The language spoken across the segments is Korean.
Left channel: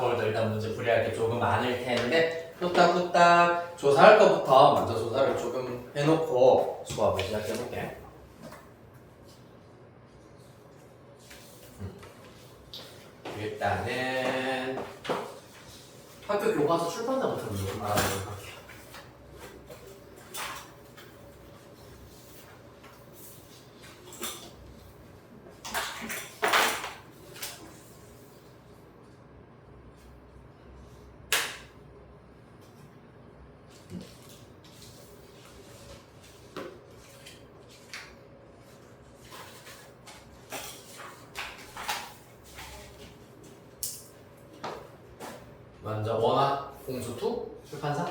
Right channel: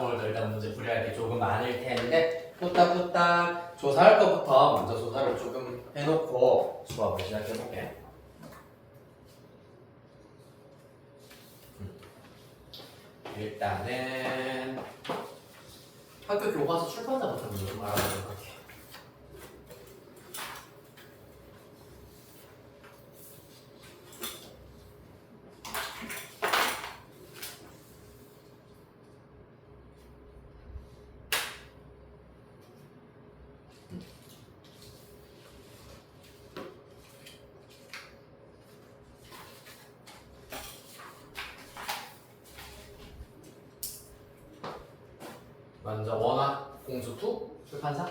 오늘도 일단 문제 풀이할 게 조금 많을 텐데 후딱후딱 조사할 것부터 먼저 조사를 조금 해놓고 수업을 시작해볼게. 일단은 학교 교과서 출판사부터 먼저 좀 알아보도록 할게요. 먼저 원화 공수투 출판사.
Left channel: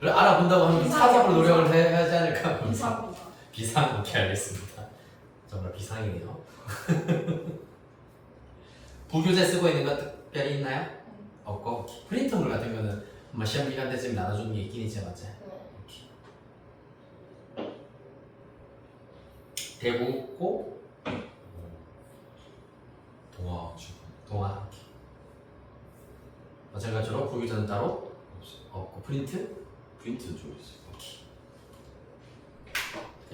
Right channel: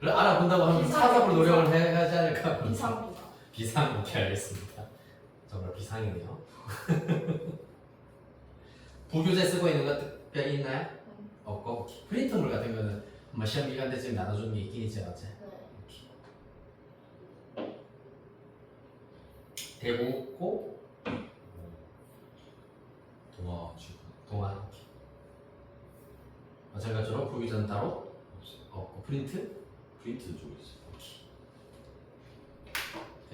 를 알아본다고 하면 찾아볼 노력을 해야 하지 않을까? 비상입니다. 비상, 오케이 알겠습니다. 정말 비상이네요. 부교재 쓰고 있는 거 특별히 있나요? 없고 프린터물 같은 거는 뭐 시험 기간 때쯤 나눠주는 게 있긴 있지 맞지? 대국고 동화 마찬가지로 부교재는 따로 없고 프린트는 좀 있어요.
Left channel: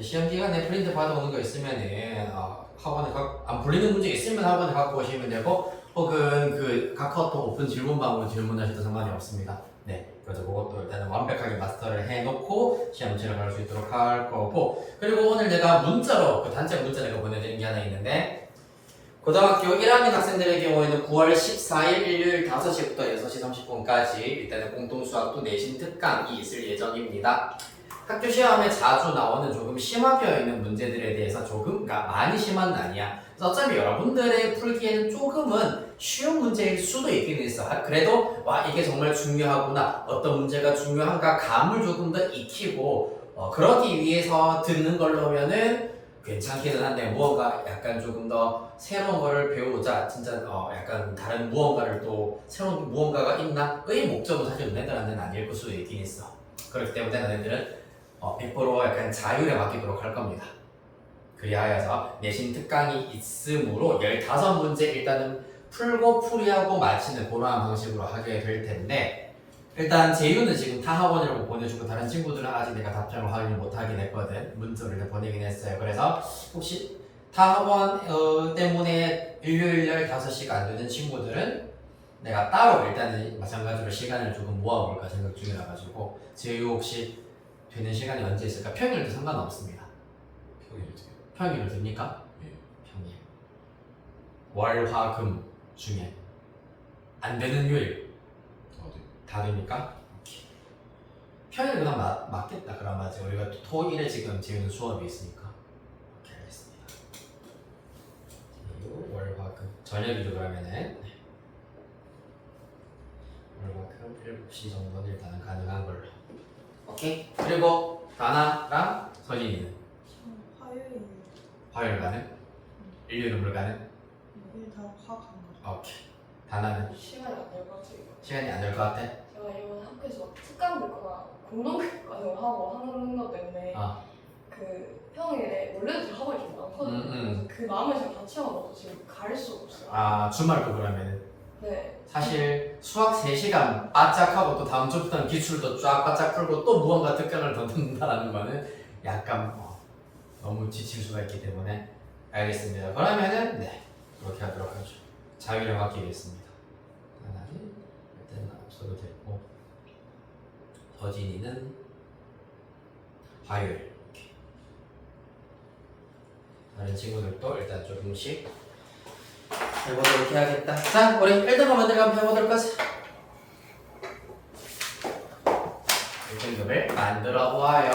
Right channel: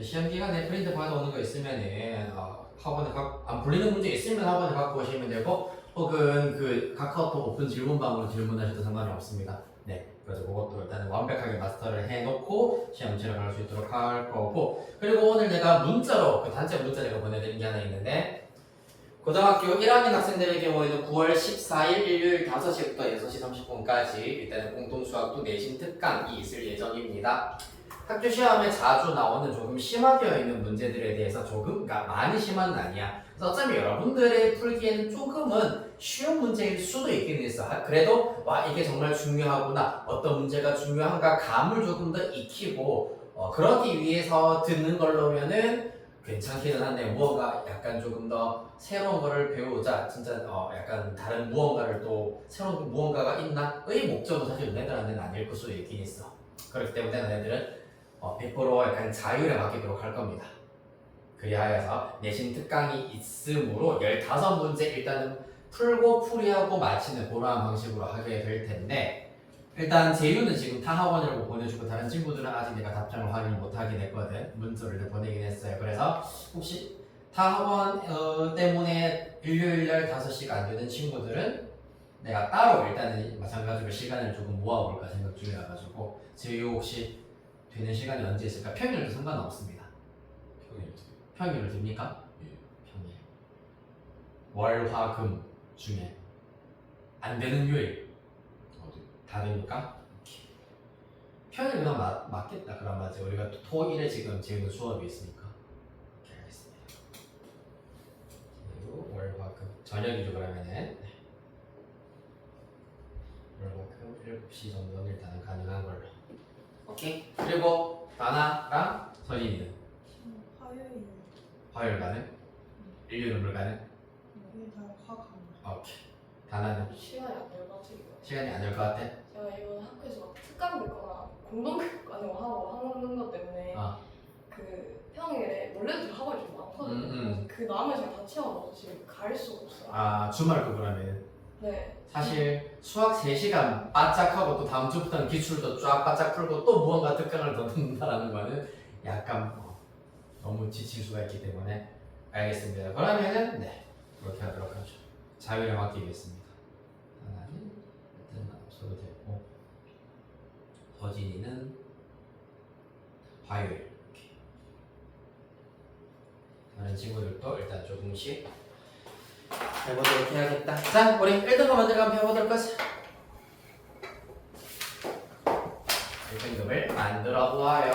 시험 기간에 프린트 받아오는 거 있으면은 학원에 안 풀리는 문제 있으면 학원에 갖고 오시면 되고 혹은 그 카카오톡 오픈 질문방으로 질문하셔도 상관이 없습니다. 네, 그래서 그것도 일단은 완벽하게 마스터를 해놓고 시험 진행할 수 있도록 할 거고 그리고 오늘 내가 문자로 그 단체 문자 내가 보내드린 게 하나 있는데 고등학교 1학년 학생들의 경우에는 9월 14일 일요일 5시부터 6시 30분까지 일단은 공통수학도 내신 특강이 있을 예정입니다. 학교 시험에 자주 나오는 조금 심화되어 있는 문제들에 대해서 조금, 그러니까 많이 심한 건 아니야. 그래서 어차피 여러분들의 풀기에는 조금은 쉬운 문제일 수도 있긴 있어. 그래도 와 이게 정말 중요하구나, 어떤 문제가 중요한가 감을 조금 더 익히고 그러기 위해서 듣는 걸로면은 괜찮기는 한데 무언가 약간 조금 더 새로운 거를 배우자 진짜 약간 다른 무언가를 또 새로운 무언가가 있나? 의 목적은 사실 너네들한테는 아닐 수도 있긴 있어. 그렇기 때문에 너네들은 100% 약간 자율에 맡기도록 할 겁니다. 그리하여서 내신 특강이 있으므로 15문제 일단은 풀고 풀이하고 마치는 그러한 방식으로 하게 될 텐데 일단 재유는 지금 타 학원이라고 보내주고 다른 친구들은 아직 내가 답장을 확인을 못하긴 했거든. 문자를 보내긴 했어요. 그래서 혹시 타 학원 때문에 일요일날 5시가 안 되는 친구들은 내가 따로 일단은 마찬가지로 시간을 조금 모아볼까 생각 중이라 가지고 재유 혹시 되는 시간이 언제 있을까? 평일도 상관없습니다. 평일을 됩니까? 예. 평일. 월, 화, 금 중에 안 되는 요일 네. 다 됩니까? 오케이. 평일 그냥 맞겠다. 그럼 맞지. 우리가 토일에 지금 지금 수업이 있으니까. 오케이 알겠습니다. 그리고 월, 화, 금 저녁이죠 그러면은. 월, 화, 금 7시 정도는 일단은 가능한 걸로. 오케이. 그리고 다나랑 서진이는 화요일 화요일 가능? 일요일은 불가능? 여기 다 화가 안 오케이. 다나는 시간이 안 될 것 같아요. 시간이 안 될 것 같아? 제가 이번 학교에서 특강 듣거나 공동 교육을 하고 하는 것 때문에 그 평일에 원래도 학원이 좀 많거든요. 그 남은 시간 다 채워넣어서 지금 갈 수가 없어요. 주말도 그러면 네. 사실 수학 3시간 바짝하고 또 다음 주부터는 기출도 쫙 바짝 풀고 또 무언가 특강을 더 듣는다는 거는 약간 너무 지칠 수가 있기 때문에 알겠습니다. 그러면은 네 그렇게 하도록 하죠. 자유를 맡기겠습니다. 하나는 일단 앞서도 됐고 서진이는 화요일 이렇게. 다른 친구들도 일단 조금씩 해보도록 해야겠다. 자, 우리 1등급 만들어 한번 해보도록 하자. 1등급을 만들어 보아요.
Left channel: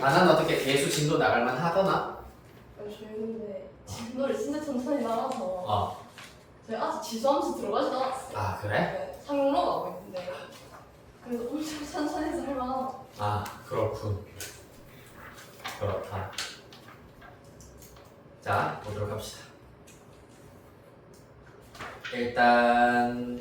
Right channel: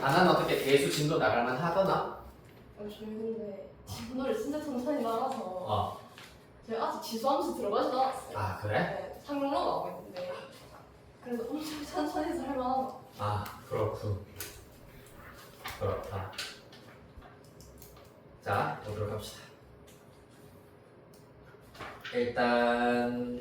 나는 어떻게 대수 진도 나갈만 하더나? 저희 근데 진도를 진짜 천천히 나가서 제가 아직 지수함수 들어가지도 않았어요. 아 그래? 네, 상로 가고 있는데 그래서 엄청 천천히 해서 할만하다. 아 그렇군. 그렇다. 자, 보도록 합시다. 일단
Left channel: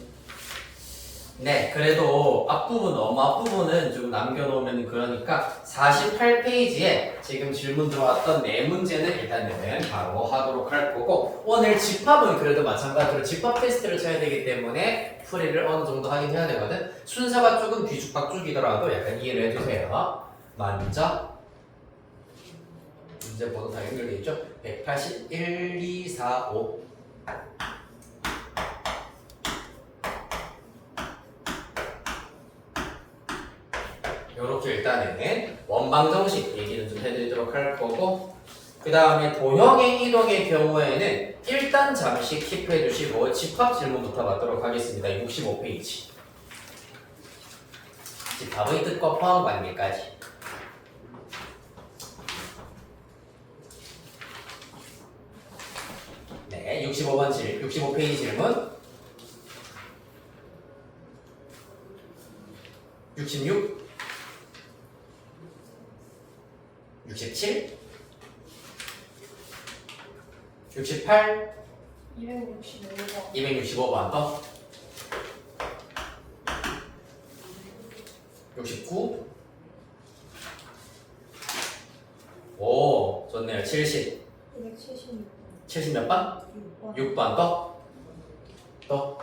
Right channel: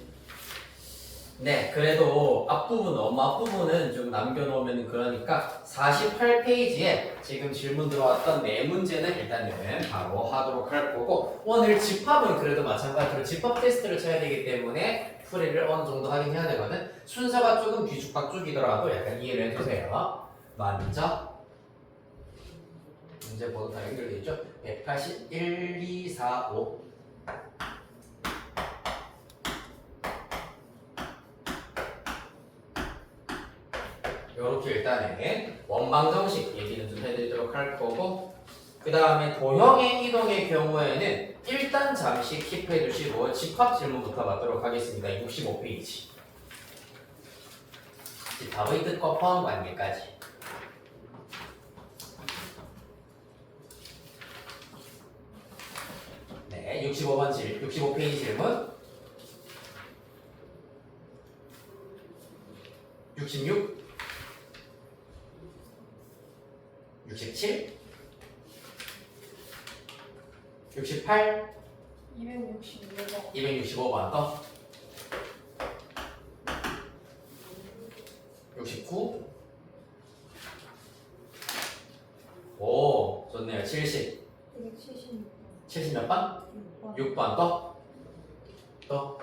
네, 그래도 앞부분, 너무 앞부분은 좀 남겨놓으면 그러니까 48페이지에 지금 질문 들어왔던 네 문제는 일단은 바로 하도록 할 거고 오늘 집합은 그래도 마찬가지로 집합 테스트를 쳐야 되기 때문에 풀이를 어느 정도 하긴 해야 되거든. 순서가 조금 뒤죽박죽이더라도 약간 이해를 해주세요. 먼저 문제 번호 다 연결돼 있죠? 181, 2, 4, 5 이렇게 일단은 원방 정식 얘기는 좀 해드리도록 할 거고 그 다음에 도형의 이동의 경우에는 일단 잠시 킵해 두시고 집합 질문부터 받도록 하겠습니다. 65페이지 집합의 뜻과 포함 관계까지 네, 65페이지 질문 66 67 68 265번 265번 더 69 오 좋네요 70 276번 70 몇 번? 6번 6번 더? 더?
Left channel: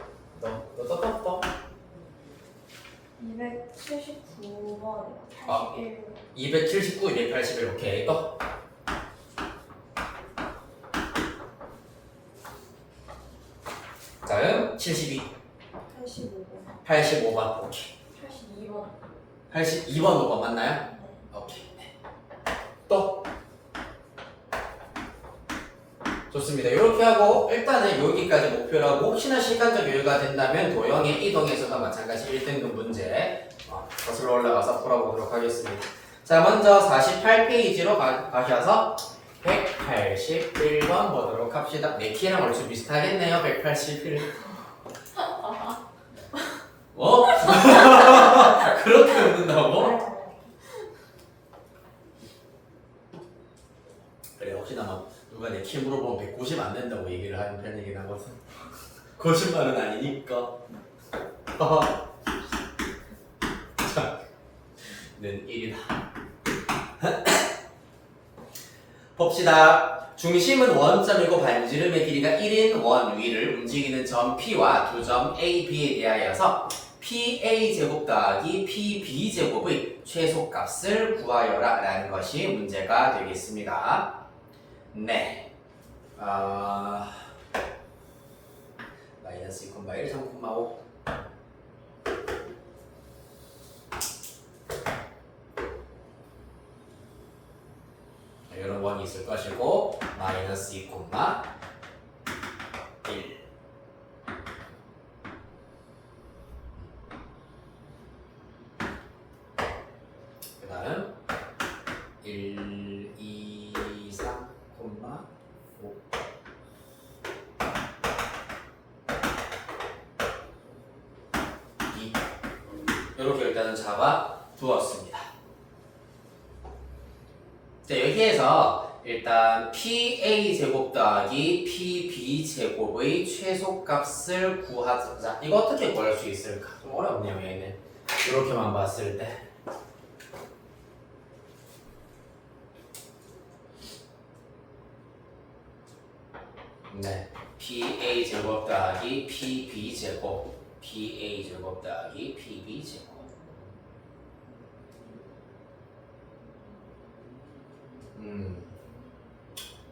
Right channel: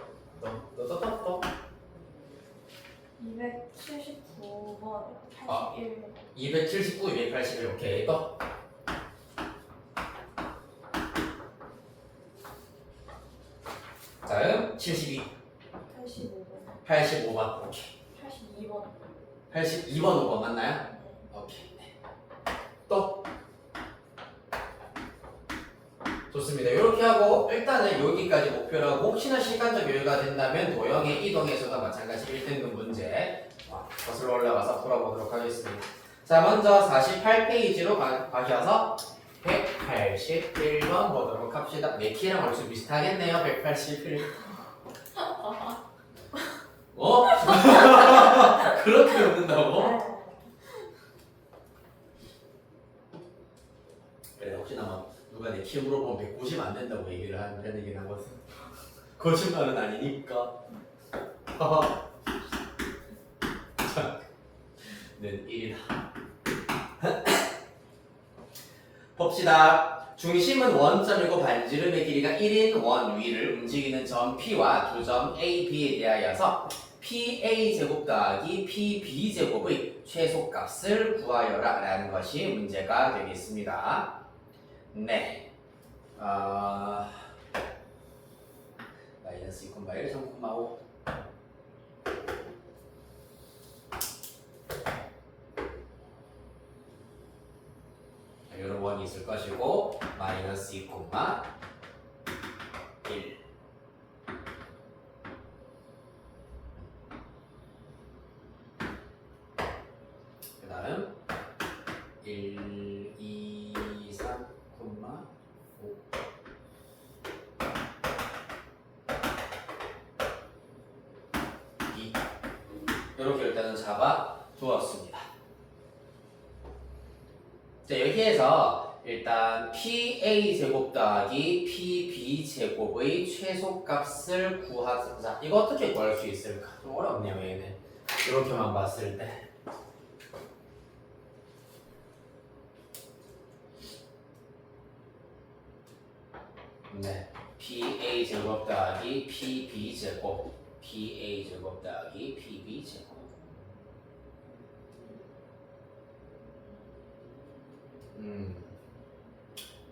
279번 아. 81 279, 281 오케이 또? 다음 72 85번 85번 오케이 82번 82번 5번 맞나요? 오케이 또? 좋습니다. 이렇게 하고 일단은 여기까지 목표로 하고 혹시나 시간적 여유가 된다면 도형의 이동에서도 마찬가지 1등급 문제 거슬러 올라가서 풀어보도록 하겠습니다. 자 먼저 48페이지로 가셔서 181번 보도록 합시다. 내 키랑 얼추 비슷하겠네요. 181 어? 그렇게 웃는다고? 그래 혹시나 막 누가 내 키 물어보면 190 안 된다고 얘기를 하는 얘기는 하거든. 거짓말은 아니니까. 자, 는 1이다. 봅시다. 중심은 원점이고 반지름의 길이가 1인 원 위를 움직이는 점 P와 두 점 A, B에 대하여서 PA 제곱 더하기 PB 제곱의 최소값을 구하여라 라는 것이 문제가 되겠습니다. 네. 마이너스 2,1, 3,5 이런 원이 있을 것이고 마이너스 2, 1 그 다음 1, 2, 3, 5 2 이렇게 일단은 잡아 두었습니다. 자 여기에서 일단 PA 제곱 더하기 PB 제곱의 최소값을 구하자. 이거 어떻게 구할 수 있을까? 좀 어렵네요 얘는. 이렇게만 봤을 때. 네, PA 제곱 더하기 PB 제곱, PA 제곱 더하기 PB 제곱.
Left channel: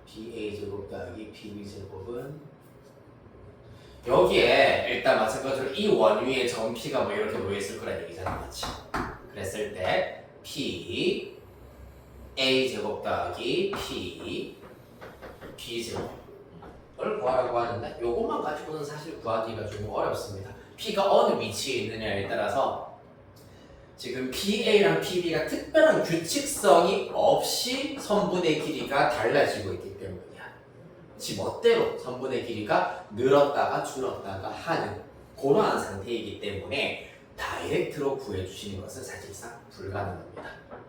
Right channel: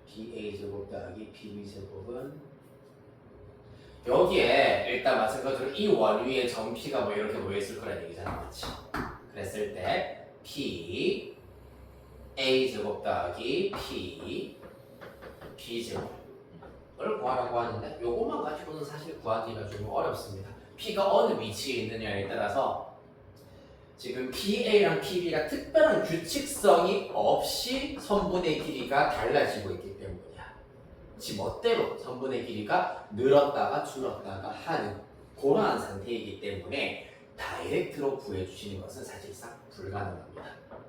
PA 제곱 더하기 PB 제곱은 여기에 일단 마찬가지로 이 원 위에 점 P가 뭐 이렇게 모여있을 거란 얘기잖아, 맞지? 그랬을 때 P A 제곱 더하기 P B 제곱을 구하라고 하는데 요것만 가지고는 사실 구하기가 좀 어렵습니다. P가 어느 위치에 있느냐에 따라서 지금 PA랑 PB가 특별한 규칙성이 없이 선분의 길이가 달라지고 있기 때문이야. 지 멋대로 선분의 길이가 늘었다가 줄었다가 하는 그러한 상태이기 때문에 다이렉트로 구해주시는 것은 사실상 불가능합니다.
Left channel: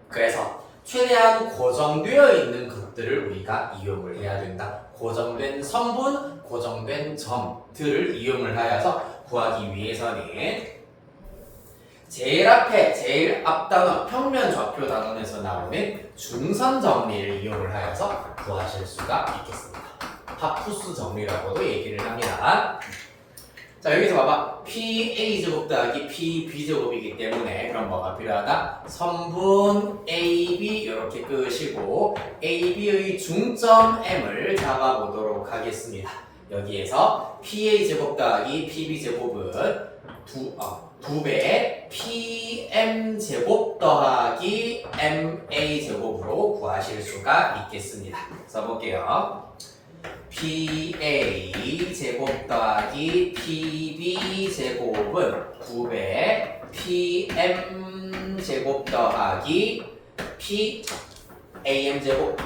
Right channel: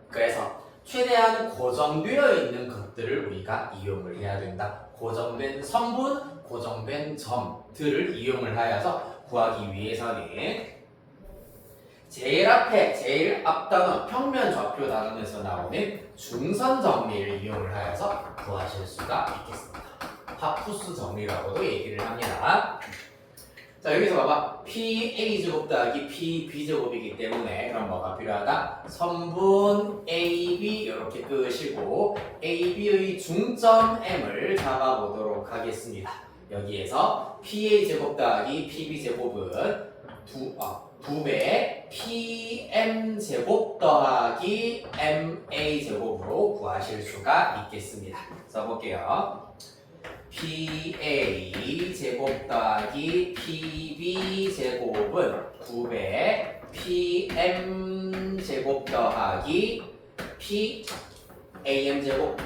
그래서 최대한 고정되어 있는 것들을 우리가 이용을 해야 된다. 고정된 선분, 고정된 점들을 이용을 하여서 구하기 위해서는 제일 앞에 제일 앞 단원 평면 좌표 단원에서 나오는 중선 정리를 이용을 하여서 구하실 수가 있겠습니다. 파푸스 정리라고도 얘기를 합니다. 자 여기서 봐봐 PA제곱 더하기 PB제곱이기 때문에 그럼 뭐가 필요하다? 선분 AB 이렇게 끄시고 AB의 중점 M을 잡아보도록 하겠습니다. 여기에서 PA제곱 더하기 PB제곱은 2배 PM제곱 더하기 MA제곱으로 구하실 수가 있겠습니다. 써볼게요. PA제곱 더하기 PB제곱은 9배 PM제곱 더하기 PAM제곱으로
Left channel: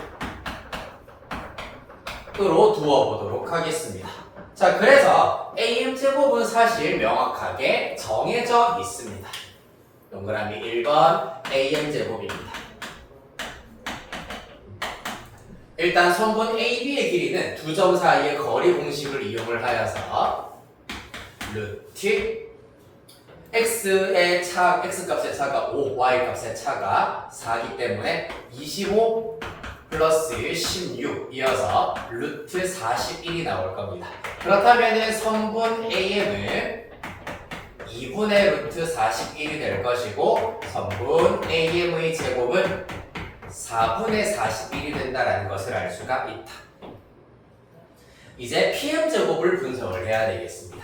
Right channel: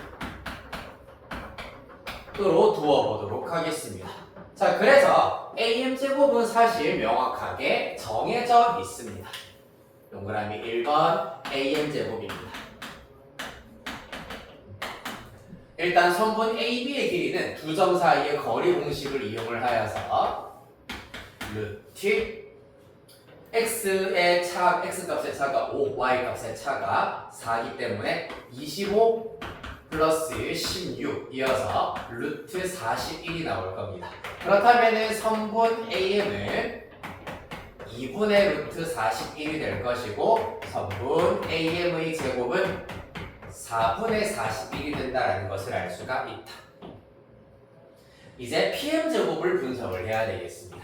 두어보도록 하겠습니다. 자, 그래서 AM제곱은 사실 명확하게 정해져 있습니다. 동그라미 1번 AM제곱입니다. 일단 선분 AB의 길이는 두 점 사이의 거리 공식을 이용을 하여서 루트 x값의 차가 5, y값의 차가 4기 때문에 25 플러스 16 이어서 루트 41이 나올 겁니다. 그렇다면 선분 AM은 2분의 루트 41이 될 것이고 선분 AM의 제곱은 4분의 41이 된다는 것을 알 수가 있다. 이제 PM제곱을 분석을 해야 되겠습니다.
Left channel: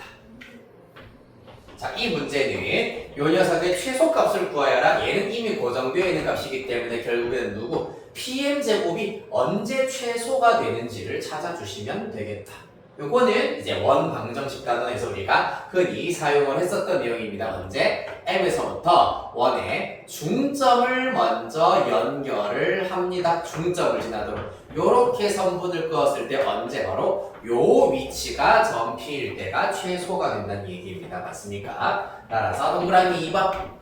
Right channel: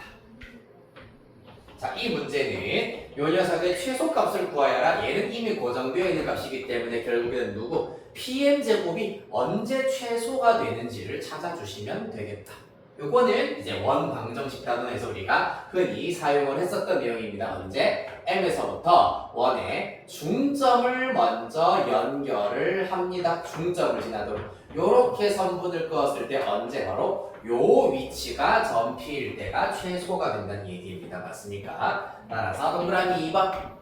자, 이 문제는 요 녀석의 최소값을 구하여라. 얘는 이미 고정되어 있는 값이기 때문에 결국에는 누구? PM제곱이 언제 최소가 되는지를 찾아주시면 되겠다. 요거는 이제 원방정식 단원에서 우리가 흔히 사용을 했었던 내용입니다. 언제? M에서부터 원의 중점을 먼저 연결을 합니다. 중점을 지나도록 요렇게 선분을 그었을 때 언제 바로 요 위치가 점 P일 때가 최소가 된다는 얘기입니다. 맞습니까? 따라서 동그라미 2번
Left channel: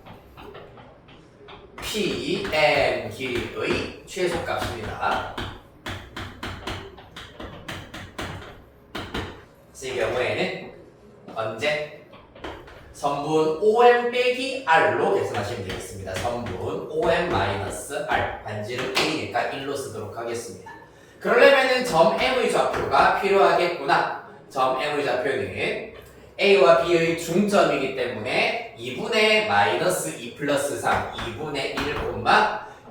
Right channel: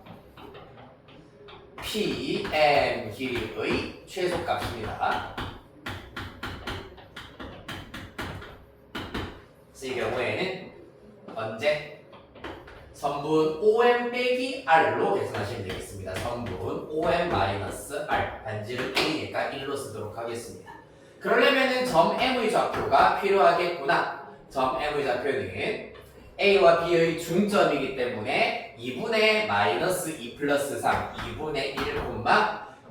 PM 길이의 최소값입니다. 이 경우에는 언제? 선분 OM 빼기 R로 계산하시면 되겠습니다. 선분 OM-R 반지름 1이니까 1로 쓰도록 하겠습니다. 그러려면은 점 M의 좌표가 필요하겠구나. 점 M의 좌표는 A와 B의 중점이기 때문에 2분의 마이너스 2 플러스 3, 2분의 1,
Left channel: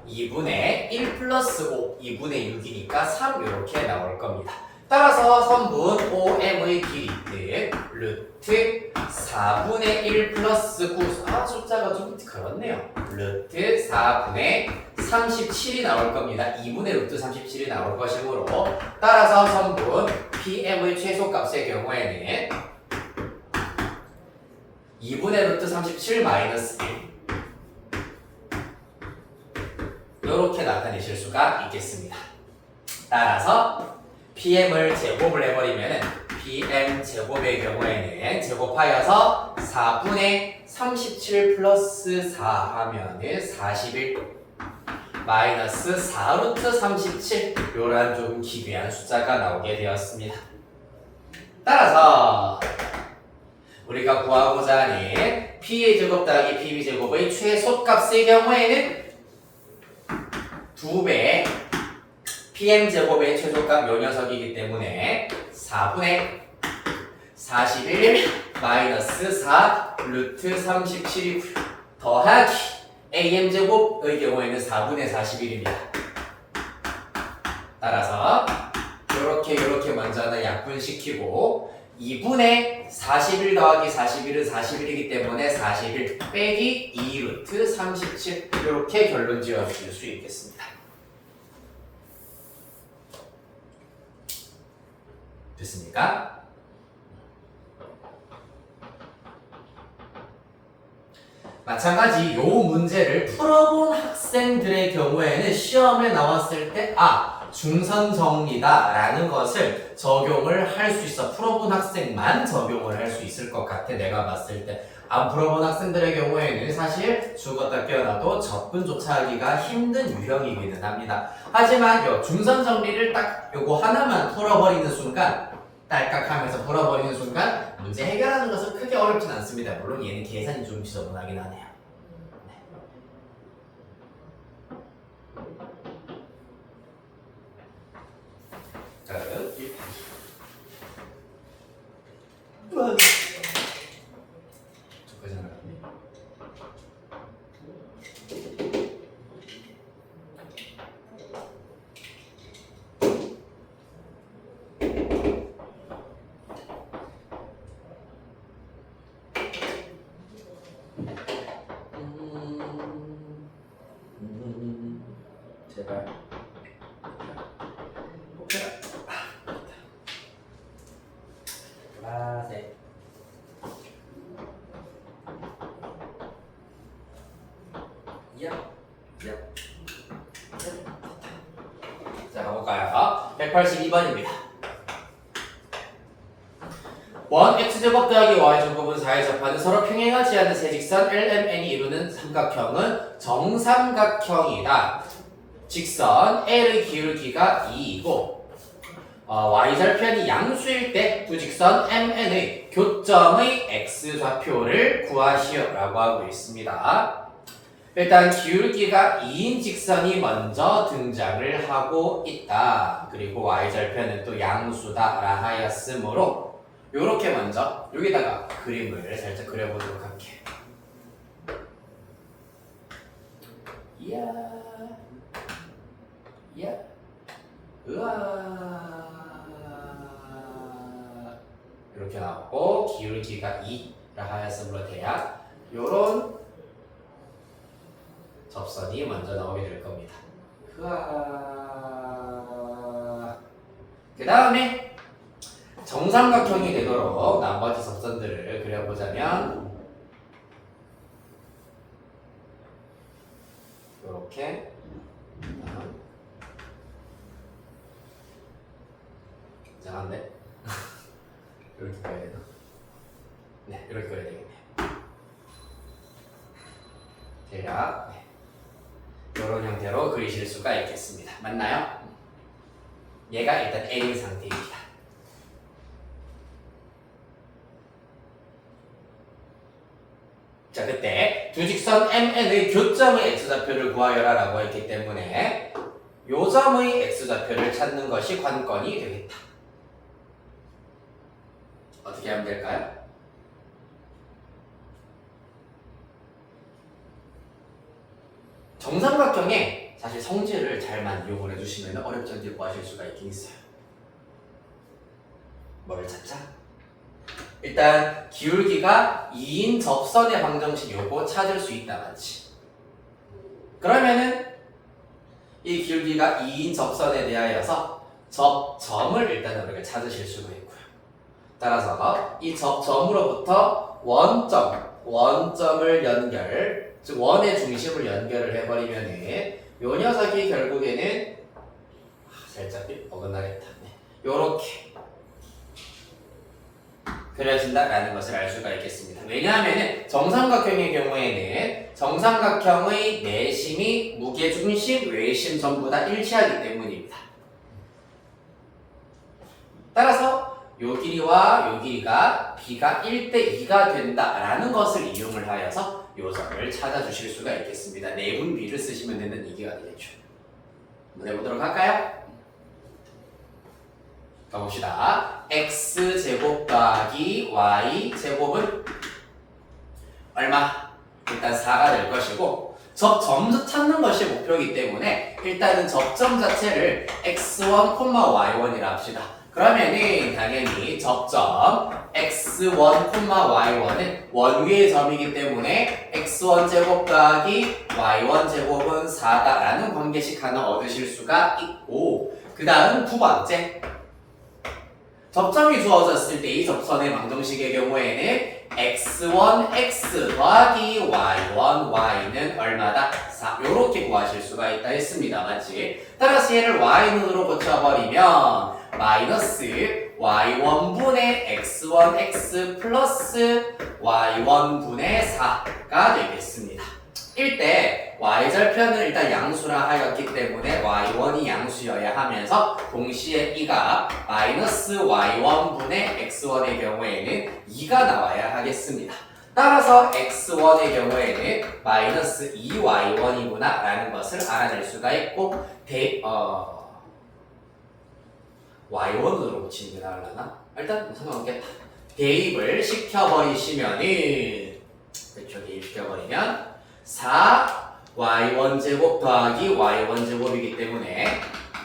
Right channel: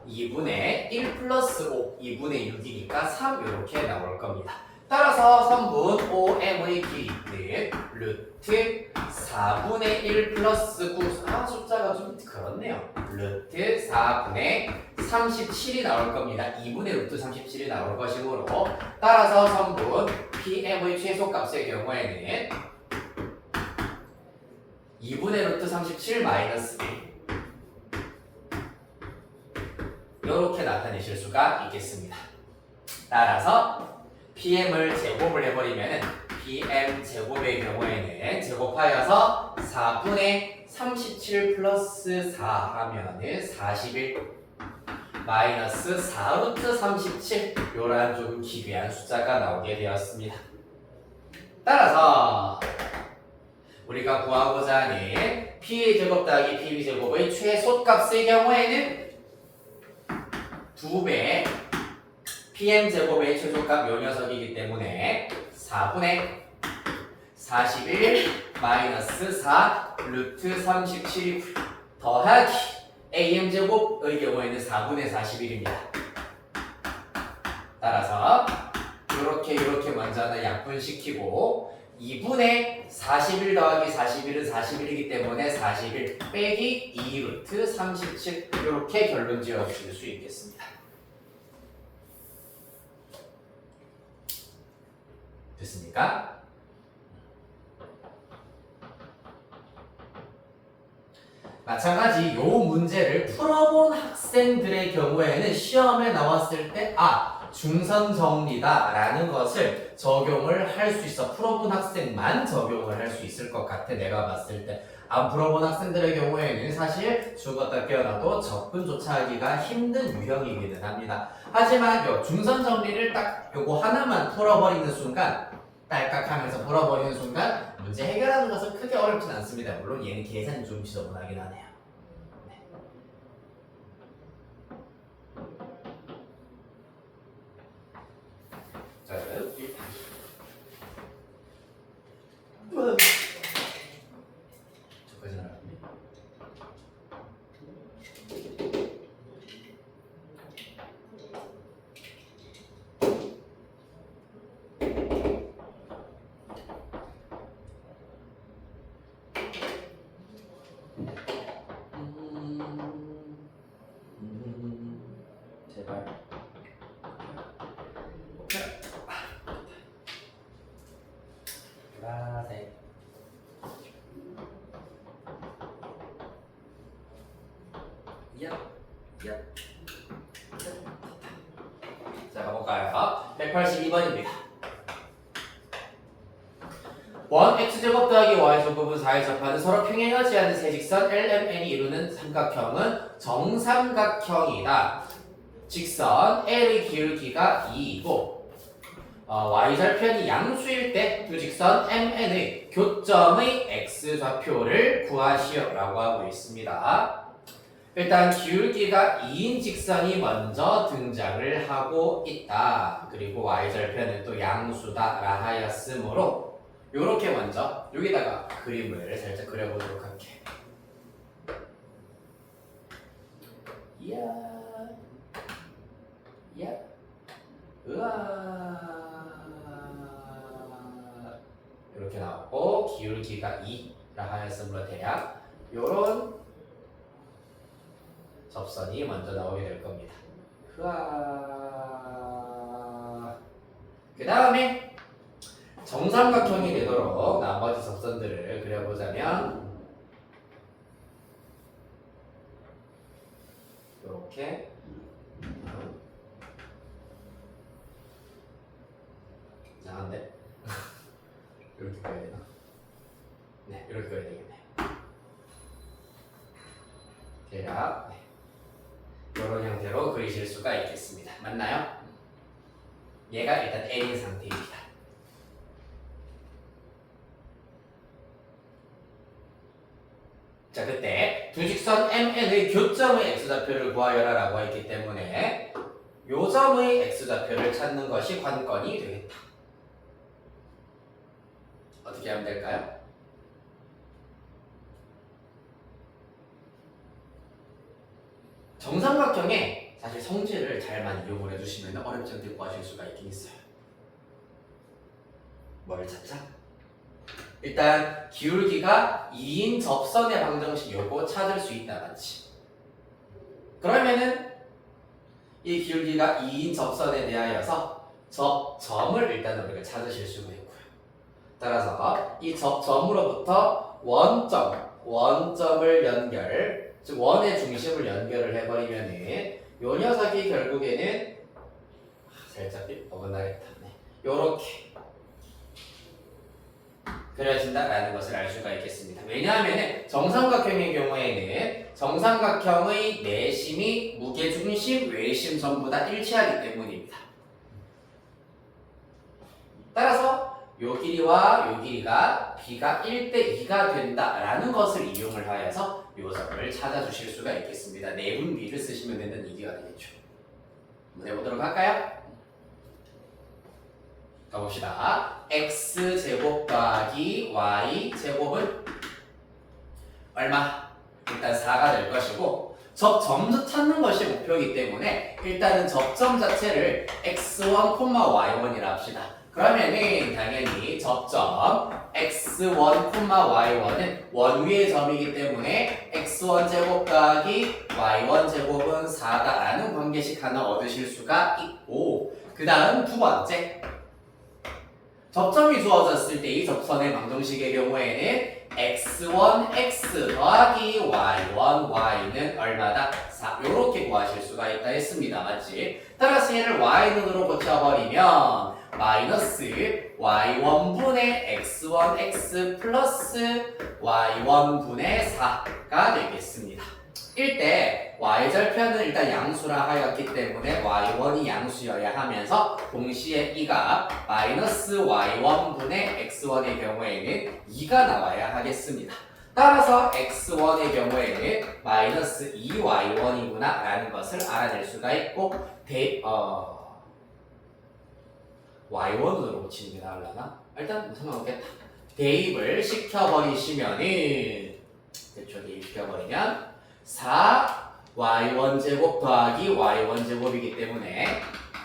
2분의 1 플러스 5, 2분의 6이니까 3 이렇게 나올 겁니다. 따라서 선분 OM의 길이는 루트 4분의 1 플러스 9 숫자가 좀 그렇네요. 루트 4분의 37이 나올 겁니다. 2분의 루트 37이 나올 것이므로 따라서 선분 PM의 최소값의 경우에는 2분의 루트 37 마이너스 1 이렇게 나타내실 수가 있겠습니다. 따라서 PM을 제곱을 해버리면 PM 제곱의 경우에는 제곱하여서 4분의 37 플러스 4 하면은 41 마이너스 4루트 37 요런 좀 기괴한 숫자가 나오게 되었습니다. 따라서 우리가 구하고자 하는 PA 제곱 더하기 PB 제곱의 최소값의 경우에는 2배 PM 제곱의 최소값 요 녀석이기 때문에 4분의 41 마이너스 4 루트 37이고요. 더하기 AM 제곱의 경우에는 4분의 41입니다. 따라서 요렇게 먼저 하나 약분시키고 2분의 41 더하기 41은 41이기 때문에 41 빼기 2 루트 37 이렇게 결론 지어주실 수 있겠습니다. 됐습니까? 마찬가지 요 문제를 풀어본 학생들의 경우에는 시험에 나왔을 때 중선 정리다 라는 것을 적용을 할 수 있어. 풀어본 학생만 적용을 할 수 있을 것 같아. 내가 봤을 때 안 풀어본 학생들의 경우에는 사실 죽었다 깨어나도 접근조차 하기가 힘든 유형이기는 합니다. 하지만 요 중선 정리를 딱 요거 하나만 풀어버리는 순간 딸깍하면서 풀어버리는 순간 문제 해결하는 것은 크게 어렵진 않습니다. 물론 얘는 계산이 좀 지저분하긴 하네요. 제발. 오케이. 보라색. 야, 야. 자, 가볼까요? 182번입니다. 원 x제곱 더하기 y제곱은 4에 접하는 서로 평행하지 않는 세 직선 LMN이 이루는 삼각형은 정삼각형이다. 직선 L의 기울기가 2이고 y절편이 양수일 때 두 직선 MN의 교점의 x좌표를 구하시오 라고 하고 있습니다. 일단 기울기가 2인 직선이 먼저 등장을 하고 있다. 그리고 y절편은 또 양수다 라 하였으므로 요렇게 먼저 여기다가 그림을 살짝 그려보도록 할게. 이야, 이야, 으아. 이렇게 나오고 기울기가 2라 하였으므로 대략 요런 접선이 먼저 나오게 될 겁니다. 으아. 그 다음에 정삼각형이 되도록 나머지 접선들을 그려보자면 이렇게 이상한데? 이렇게 그려야 되나? 네, 이렇게 그려야 되겠네요. 대략 이런 형태로 그리실 수가 있겠습니다. 맞나요? 얘가 일단 N인 상태입니다. 자, 그때 두 직선 MN의 교점의 x좌표를 구하여라 라고 했기 때문에 요 점의 x좌표를 찾는 것이 관건이 되겠다. 어떻게 하면 될까요? 정삼각형에 사실 성질을 잘만 이용을 해주시면 어렵지 않게 구하실 수가 있긴 있어요. 뭘 찾자? 일단 기울기가 2인 접선의 방정식 요거 찾을 수 있다 맞지? 그러면은 이 기울기가 2인 접선에 대하여서 접점을 일단 우리가 찾으실 수가 있고요. 따라서 이 접점으로부터 원점을 연결, 즉 원의 중심을 연결을 해버리면은 요 녀석이 결국에는 살짝 어긋나겠다. 네. 요렇게 그려진다라는 것을 알 수가 있겠습니다. 왜냐하면 정삼각형의 경우에는 정삼각형의 내심이 무게중심, 외심 전부 다 일치하기 때문입니다. 따라서 요 길이와 요 길이가 b가 1대 2가 된다라는 것을 이용을 하여서 요 점을 찾아주실 수가 있겠습니다. 내분 b를 쓰시면 되는 이기가 되겠죠. 한번 해보도록 할까요? 가봅시다. x제곱 더하기 y제곱은 얼마? 일단 4가 될 것이고 접점 찾는 것이 목표이기 때문에 일단은 접점 자체를 x1, y1이라 합시다. 그러면은 당연히 접점 x1, y1은 원 위의 점이기 때문에 x1 제곱 더하기 y1 제곱은 4다라는 관계식 하나 얻으실 수가 있고 그 다음 두 번째 접점이 주어졌을 때 이 접선의 방정식의 경우에는 x1, x 더하기 y1, y는 얼마다? 4 요렇게 구하실 수가 있다 했습니다. 맞지? 따라서 얘를 y눈으로 고쳐버리면 마이너스 y1분의 x1, x 플러스 y1분의 4가 되겠습니다. 일때 y절편은 일단 양수라 하였기 때문에 y1이 양수여야 하면서 동시에 이가 마이너스 y1분의 x1의 경우에는 2가 나와야 하겠습니다. 따라서 x1의 경우에는 마이너스 2y1이구나 라는 것을 알아낼 수가 있고 y1으로 붙이는 게 나으려나? 일단 상관없겠다. 대입을 시켜버리시면은 그쵸, 대입시켜버리면 4y1 제곱 더하기 y1 제곱이기 때문에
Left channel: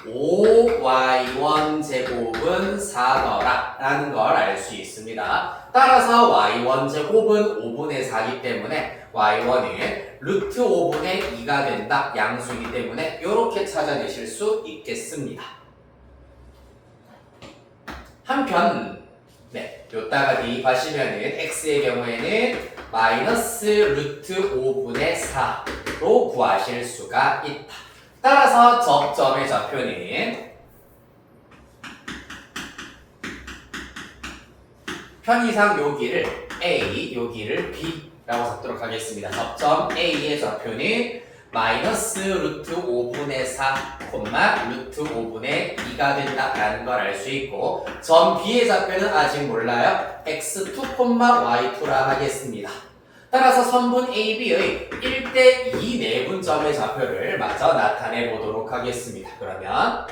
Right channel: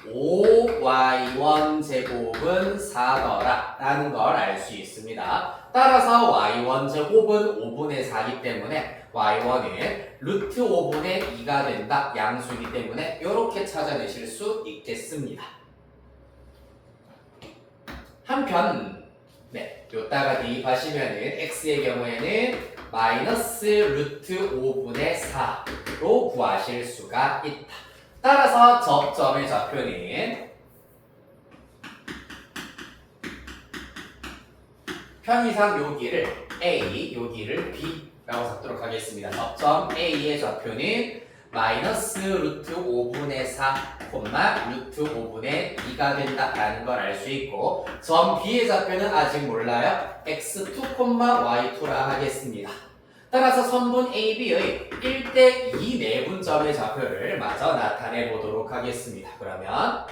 5y1 제곱은 4더라 라는 걸 알 수 있습니다. 따라서 y1 제곱은 5분의 4이기 때문에 y1은 루트 5분의 2가 된다. 양수이기 때문에 이렇게 찾아내실 수 있겠습니다. 한편 요따가 대입하시면은 x의 경우에는 마이너스 루트 5분의 4로 구하실 수가 있다. 따라서 접점의 좌표는 편의상 여기를 A, 여기를 B라고 적도록 하겠습니다. 접점 A의 좌표는 마이너스 루트 5분의 4, 루트 5분의 2가 된다라는 걸 알 수 있고 점 B의 좌표는 아직 몰라요. x2, y2라 하겠습니다. 따라서 선분 AB의 1대2 내분점의 좌표를 마저 나타내 보도록 하겠습니다. 그러면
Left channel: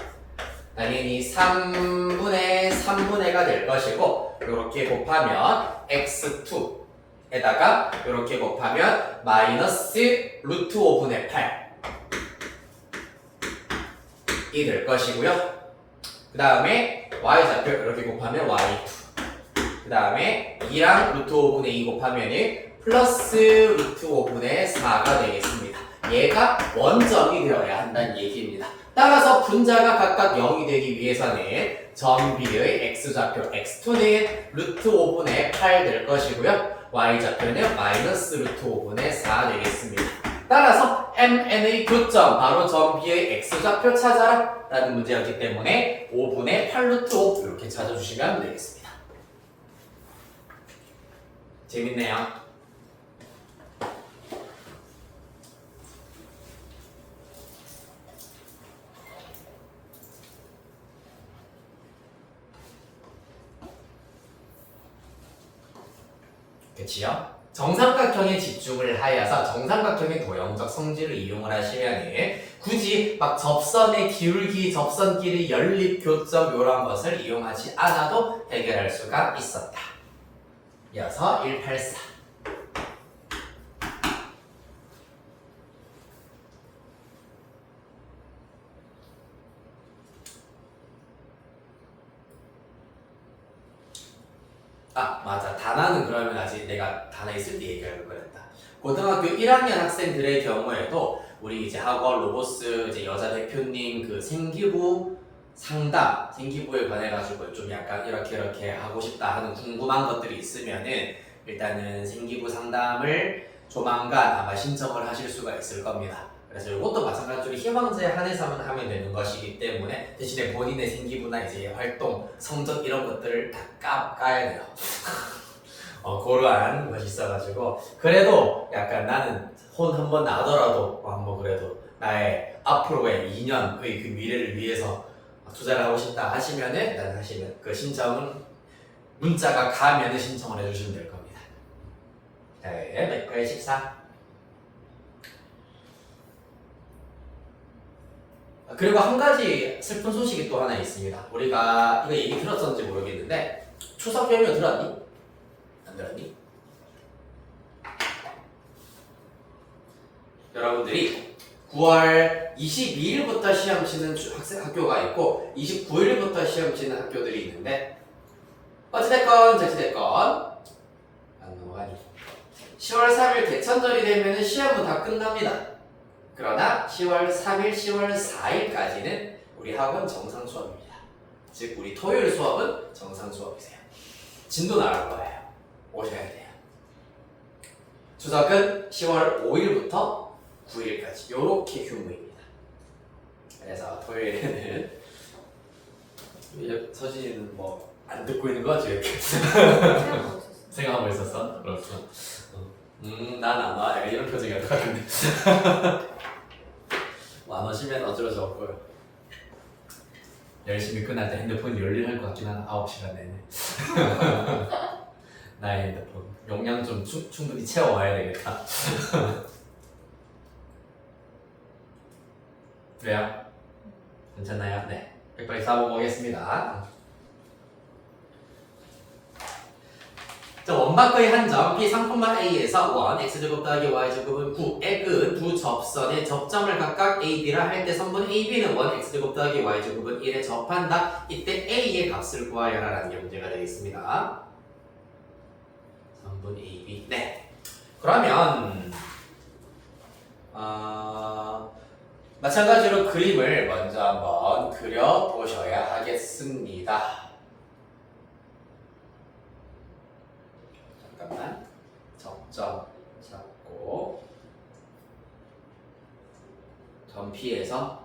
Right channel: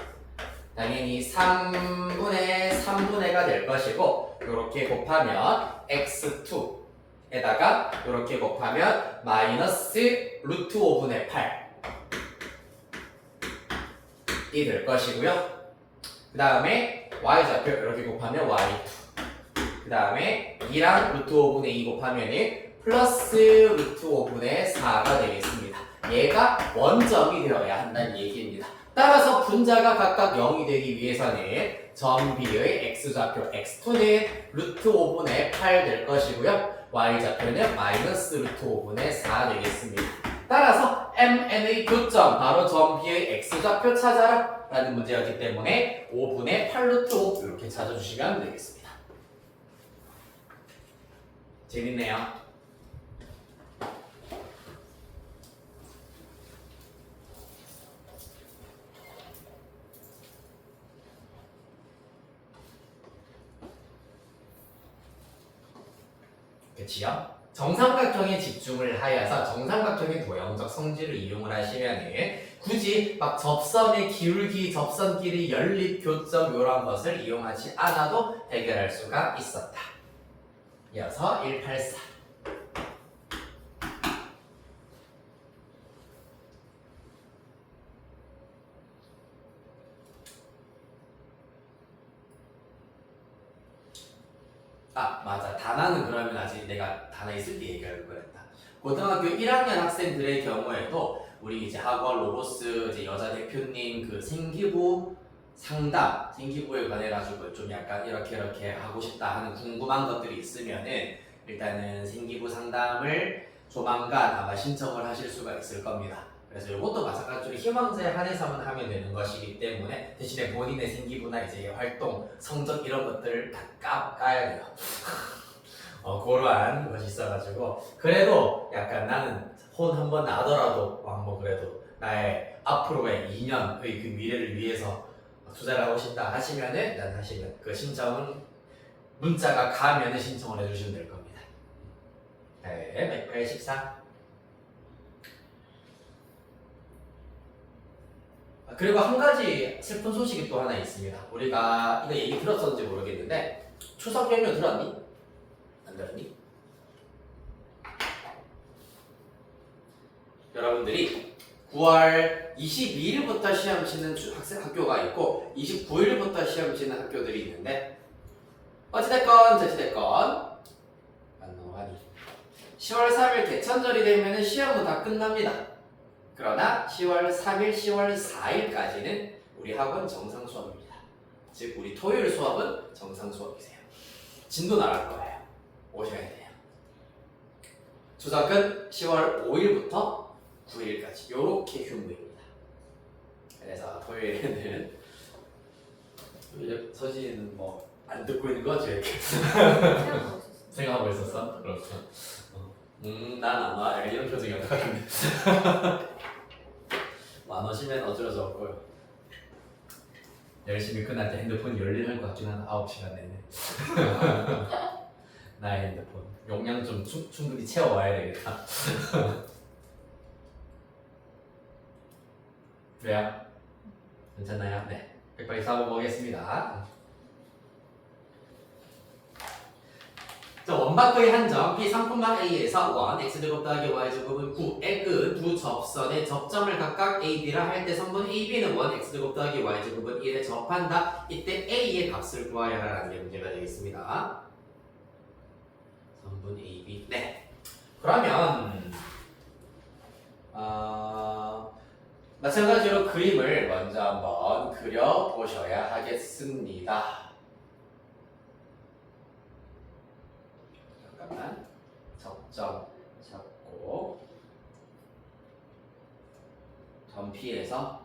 당연히 3분의 3분의가 될 것이고 이렇게 곱하면 x2에다가 이렇게 곱하면 마이너스 루트 5분의 8이 될 것이고요. 그 다음에 y좌표 이렇게 곱하면 y2 그 다음에 2랑 루트 5분의 2 곱하면 플러스 루트 5분의 4가 되겠습니다. 얘가 원점이 되어야 한다는 얘기입니다. 따라서 분자가 각각 0이 되기 위해서는 점 B의 x좌표 x2는 루트 5분의 8 될 것이고요. y좌표는 마이너스 루트 5분의 4 되겠습니다. 따라서 MN의 교점, 바로 점 B의 x좌표 찾아라 라는 문제였기 때문에 5분의 8 루트 5 이렇게 찾아주시면 되겠습니다. 재밌네요. 그치요? 정삼각형에 집중을 하여서 정삼각형의 도형적 성질을 이용을 하시면 굳이 막 접선의 기울기, 접선 길이, 연립, 교점 이런 것을 이용하지 않아도 해결할 수가 있었다. 이어서 184. 아 맞아, 단아는 그러면 아직 내가 단아 있을 때 얘기할 거랬다. 고등학교 1학년 학생들의 경우에도 우리 이제 학원 로보스 이제 여자 대표님 그 생기부 상담, 생기부에 관해 가지고 좀 약간 이렇게 하고 싶다 하는 궁금한 것들이 있으면은 일단은 생기부 상담을 조만간 아마 신청을 하실 수가 있을 겁니다. 그래서 이것도 마찬가지로 희망자에 한해서만 하면 되는 것이기 때문에 대신에 본인의 생기부나 이제 활동, 성적 이런 것들을 다 까야 돼요. 그러한 것이 있어가지고 그래도 약간 나는 혼 한 번 나더라도 한번 그래도 나의 앞으로의 2년의 그 미래를 위해서 투자를 하고 싶다 하시면은 일단 하시면 그 신청은 문자가 가면은 신청을 해주시면 될 겁니다. 네, 184. 그리고 한 가지 슬픈 소식이 또 하나 있습니다. 우리가 이거 얘기 들었었는지 모르겠는데 추석 연휴 들었니? 안 들었니? 여러분들이 9월 22일부터 시험 치는 학교가 있고 29일부터 시험 치는 학교들이 있는데 어찌됐건 저찌됐건 안 넘어가니 10월 3일 개천절이 되면 시험은 다 끝납니다. 그러나 10월 3일, 10월 4일까지는 우리 학원 정상 수업입니다. 즉 우리 토요일 수업은 정상 수업이세요. 진도 나갈 거예요. 오셔야 돼요. 추석은 10월 5일부터 9일까지 이렇게 휴무입니다. 그래서 토요일에는 서진이는 뭐 안 듣고 있는 거지 이렇게 생각하고 있었어. 생각하고 있었어? 그렇구나. 난 아마 약간 이런 표정이 어떡하겠네. 안 오시면 어쩔 수 없고요. 열심히 끝날 때 핸드폰 열일할 것 같긴 한 9시간 내내. 나의 핸드폰 용량 좀 충분히 채워와야 되겠다. 그래요? 괜찮나요? 네. 184번 보겠습니다. 자, 원바크의 한점 P3,A에서 1 x제곱 더하기 y제곱은 9의 그 두 접선의 접점을 각각 A, B라 할 때 선분 A, B는 1 x제곱 더하기 y제곱은 1에 접한다. 이때 A의 값을 구하여라 라는 게 문제가 되겠습니다. 분분 AB. 네. 그러면 마찬가지로 그림을 먼저 한번 그려보셔야 하겠습니다. 잠깐만. 접점 잡고 점 P에서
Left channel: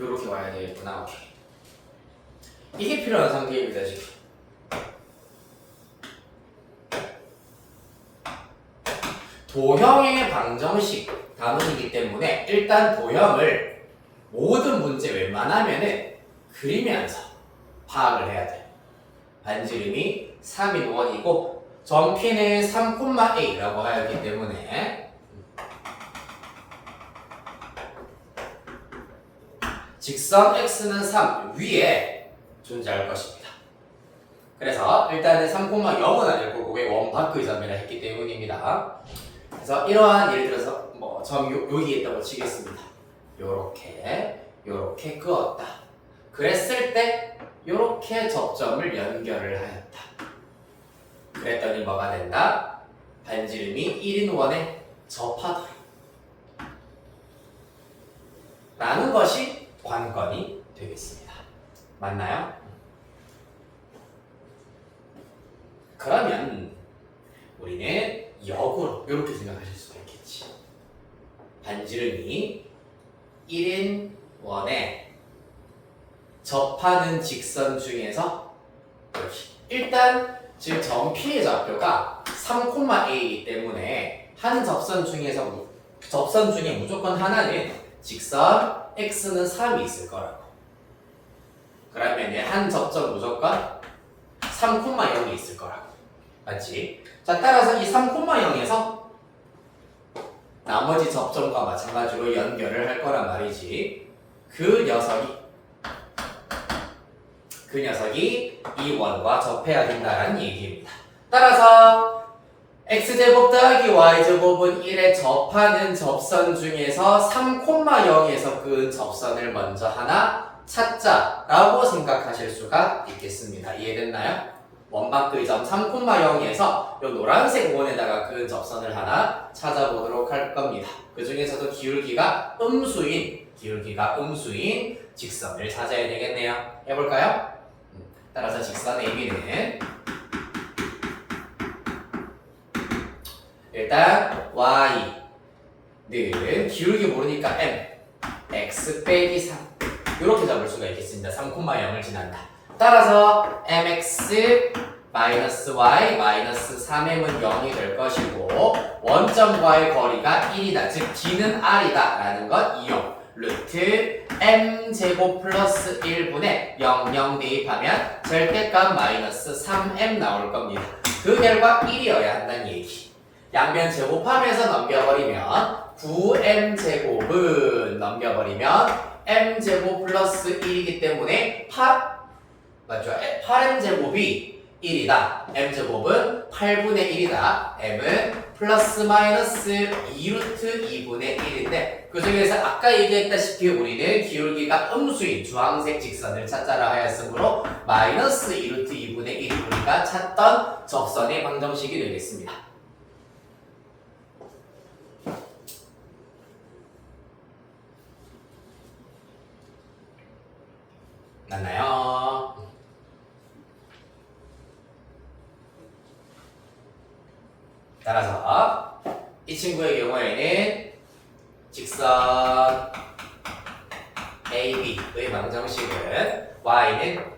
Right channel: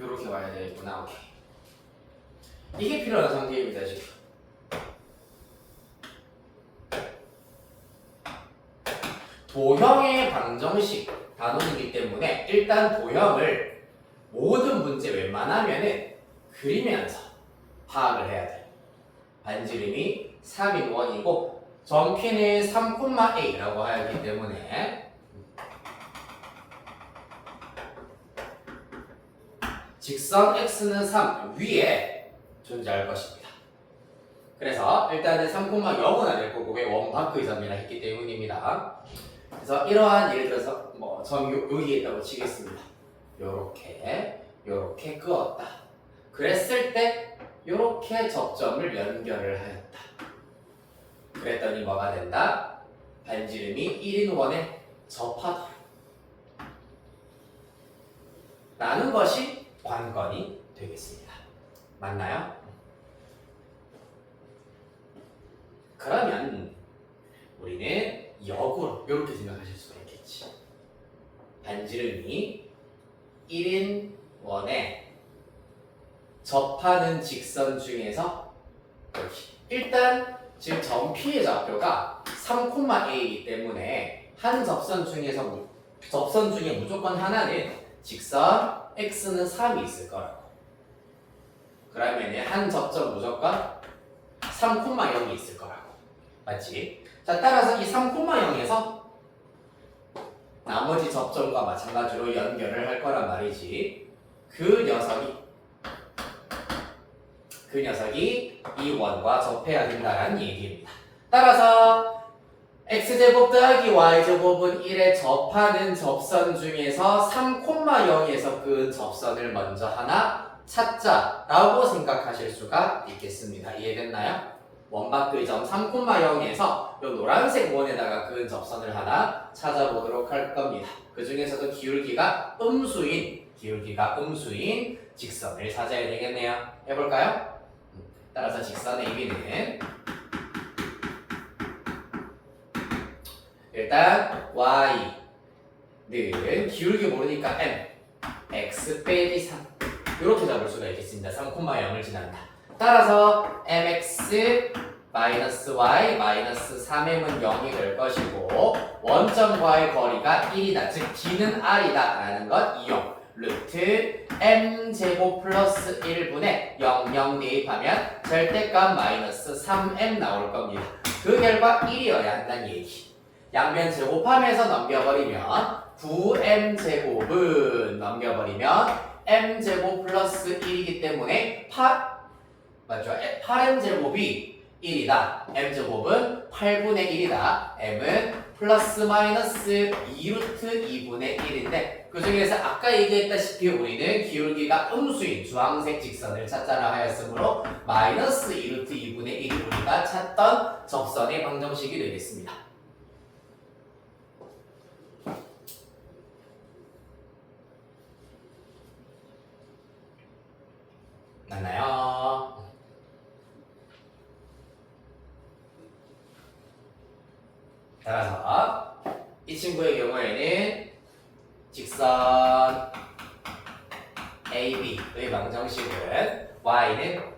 요렇게 와야 되겠구나. 오케이. 이게 필요한 상태입니다, 지금. 도형의 방정식 단원이기 때문에 일단 도형을 모든 문제 웬만하면은 그리면서 파악을 해야 돼. 반지름이 3인 원이고 점 P는 3,A라고 하였기 때문에 직선 X는 3 위에 존재할 것입니다. 그래서 일단은 3,0은 아닐 거고 그게 원바크의 점이라 했기 때문입니다. 그래서 이러한 예를 들어서 뭐 점 여기 있다고 치겠습니다. 요렇게 그었다. 그랬을 때 요렇게 접점을 연결을 하였다. 그랬더니 뭐가 된다? 반지름이 1인 원에 접하더라. 라는 것이 관건이 되겠습니다. 맞나요? 그러면 우리는 역으로 이렇게 생각하실 수가 있겠지. 반지름이 1인 원에 접하는 직선 중에서 여기 일단 지금 점 P의 좌표가 3,A이기 때문에 한 접선 중에 무조건 하나는 직선 X는 3이 있을 거라고. 그러면 한 접점 무조건 3,0이 있을 거라고. 맞지? 자, 따라서 이 3,0에서 나머지 접점과 마찬가지로 연결을 할 거란 말이지. 그 녀석이 이 원과 접해야 된다는 얘기입니다. 따라서 x제곱 더하기 y제곱은 1에 접하는 접선 중에서 3,0에서 그은 접선을 먼저 하나 찾자라고 생각하실 수가 있겠습니다. 이해됐나요? 원바크의 점 3,0에서 요 노란색 원에다가 그은 접선을 하나 찾아보도록 할 겁니다. 그 중에서도 기울기가 음수인 직선을 찾아야 되겠네요. 해볼까요? 따라서 직선 AB는 일단 y는 기울기 모르니까 m x 빼기 3 이렇게 잡을 수가 있겠습니다. 3,0을 지난다. 따라서 mx 마이너스 y 마이너스 3m은 0이 될 것이고 원점과의 거리가 1이다. 즉 d는 r이다 라는 것 이용. 루트 m제곱 플러스 1분의 00 대입하면 절대값 마이너스 3m 나올 겁니다. 그 결과 1이어야 한다는 얘기. 양변 제곱하면서 넘겨버리면 9m제곱은 넘겨버리면 m제곱 플러스 1이기 때문에 8m제곱이 1이다. m제곱은 8분의 1이다. m은 플러스 마이너스 2루트 2분의 1인데 그 중에서 아까 얘기했다시피 우리는 기울기가 음수인 주황색 직선을 찾자라 하였으므로 마이너스 2루트 2분의 1이 우리가 찾던 접선의 방정식이 되겠습니다. 맞나요? 따라서 이 친구의 경우에는 직선 AB의 방정식은 y는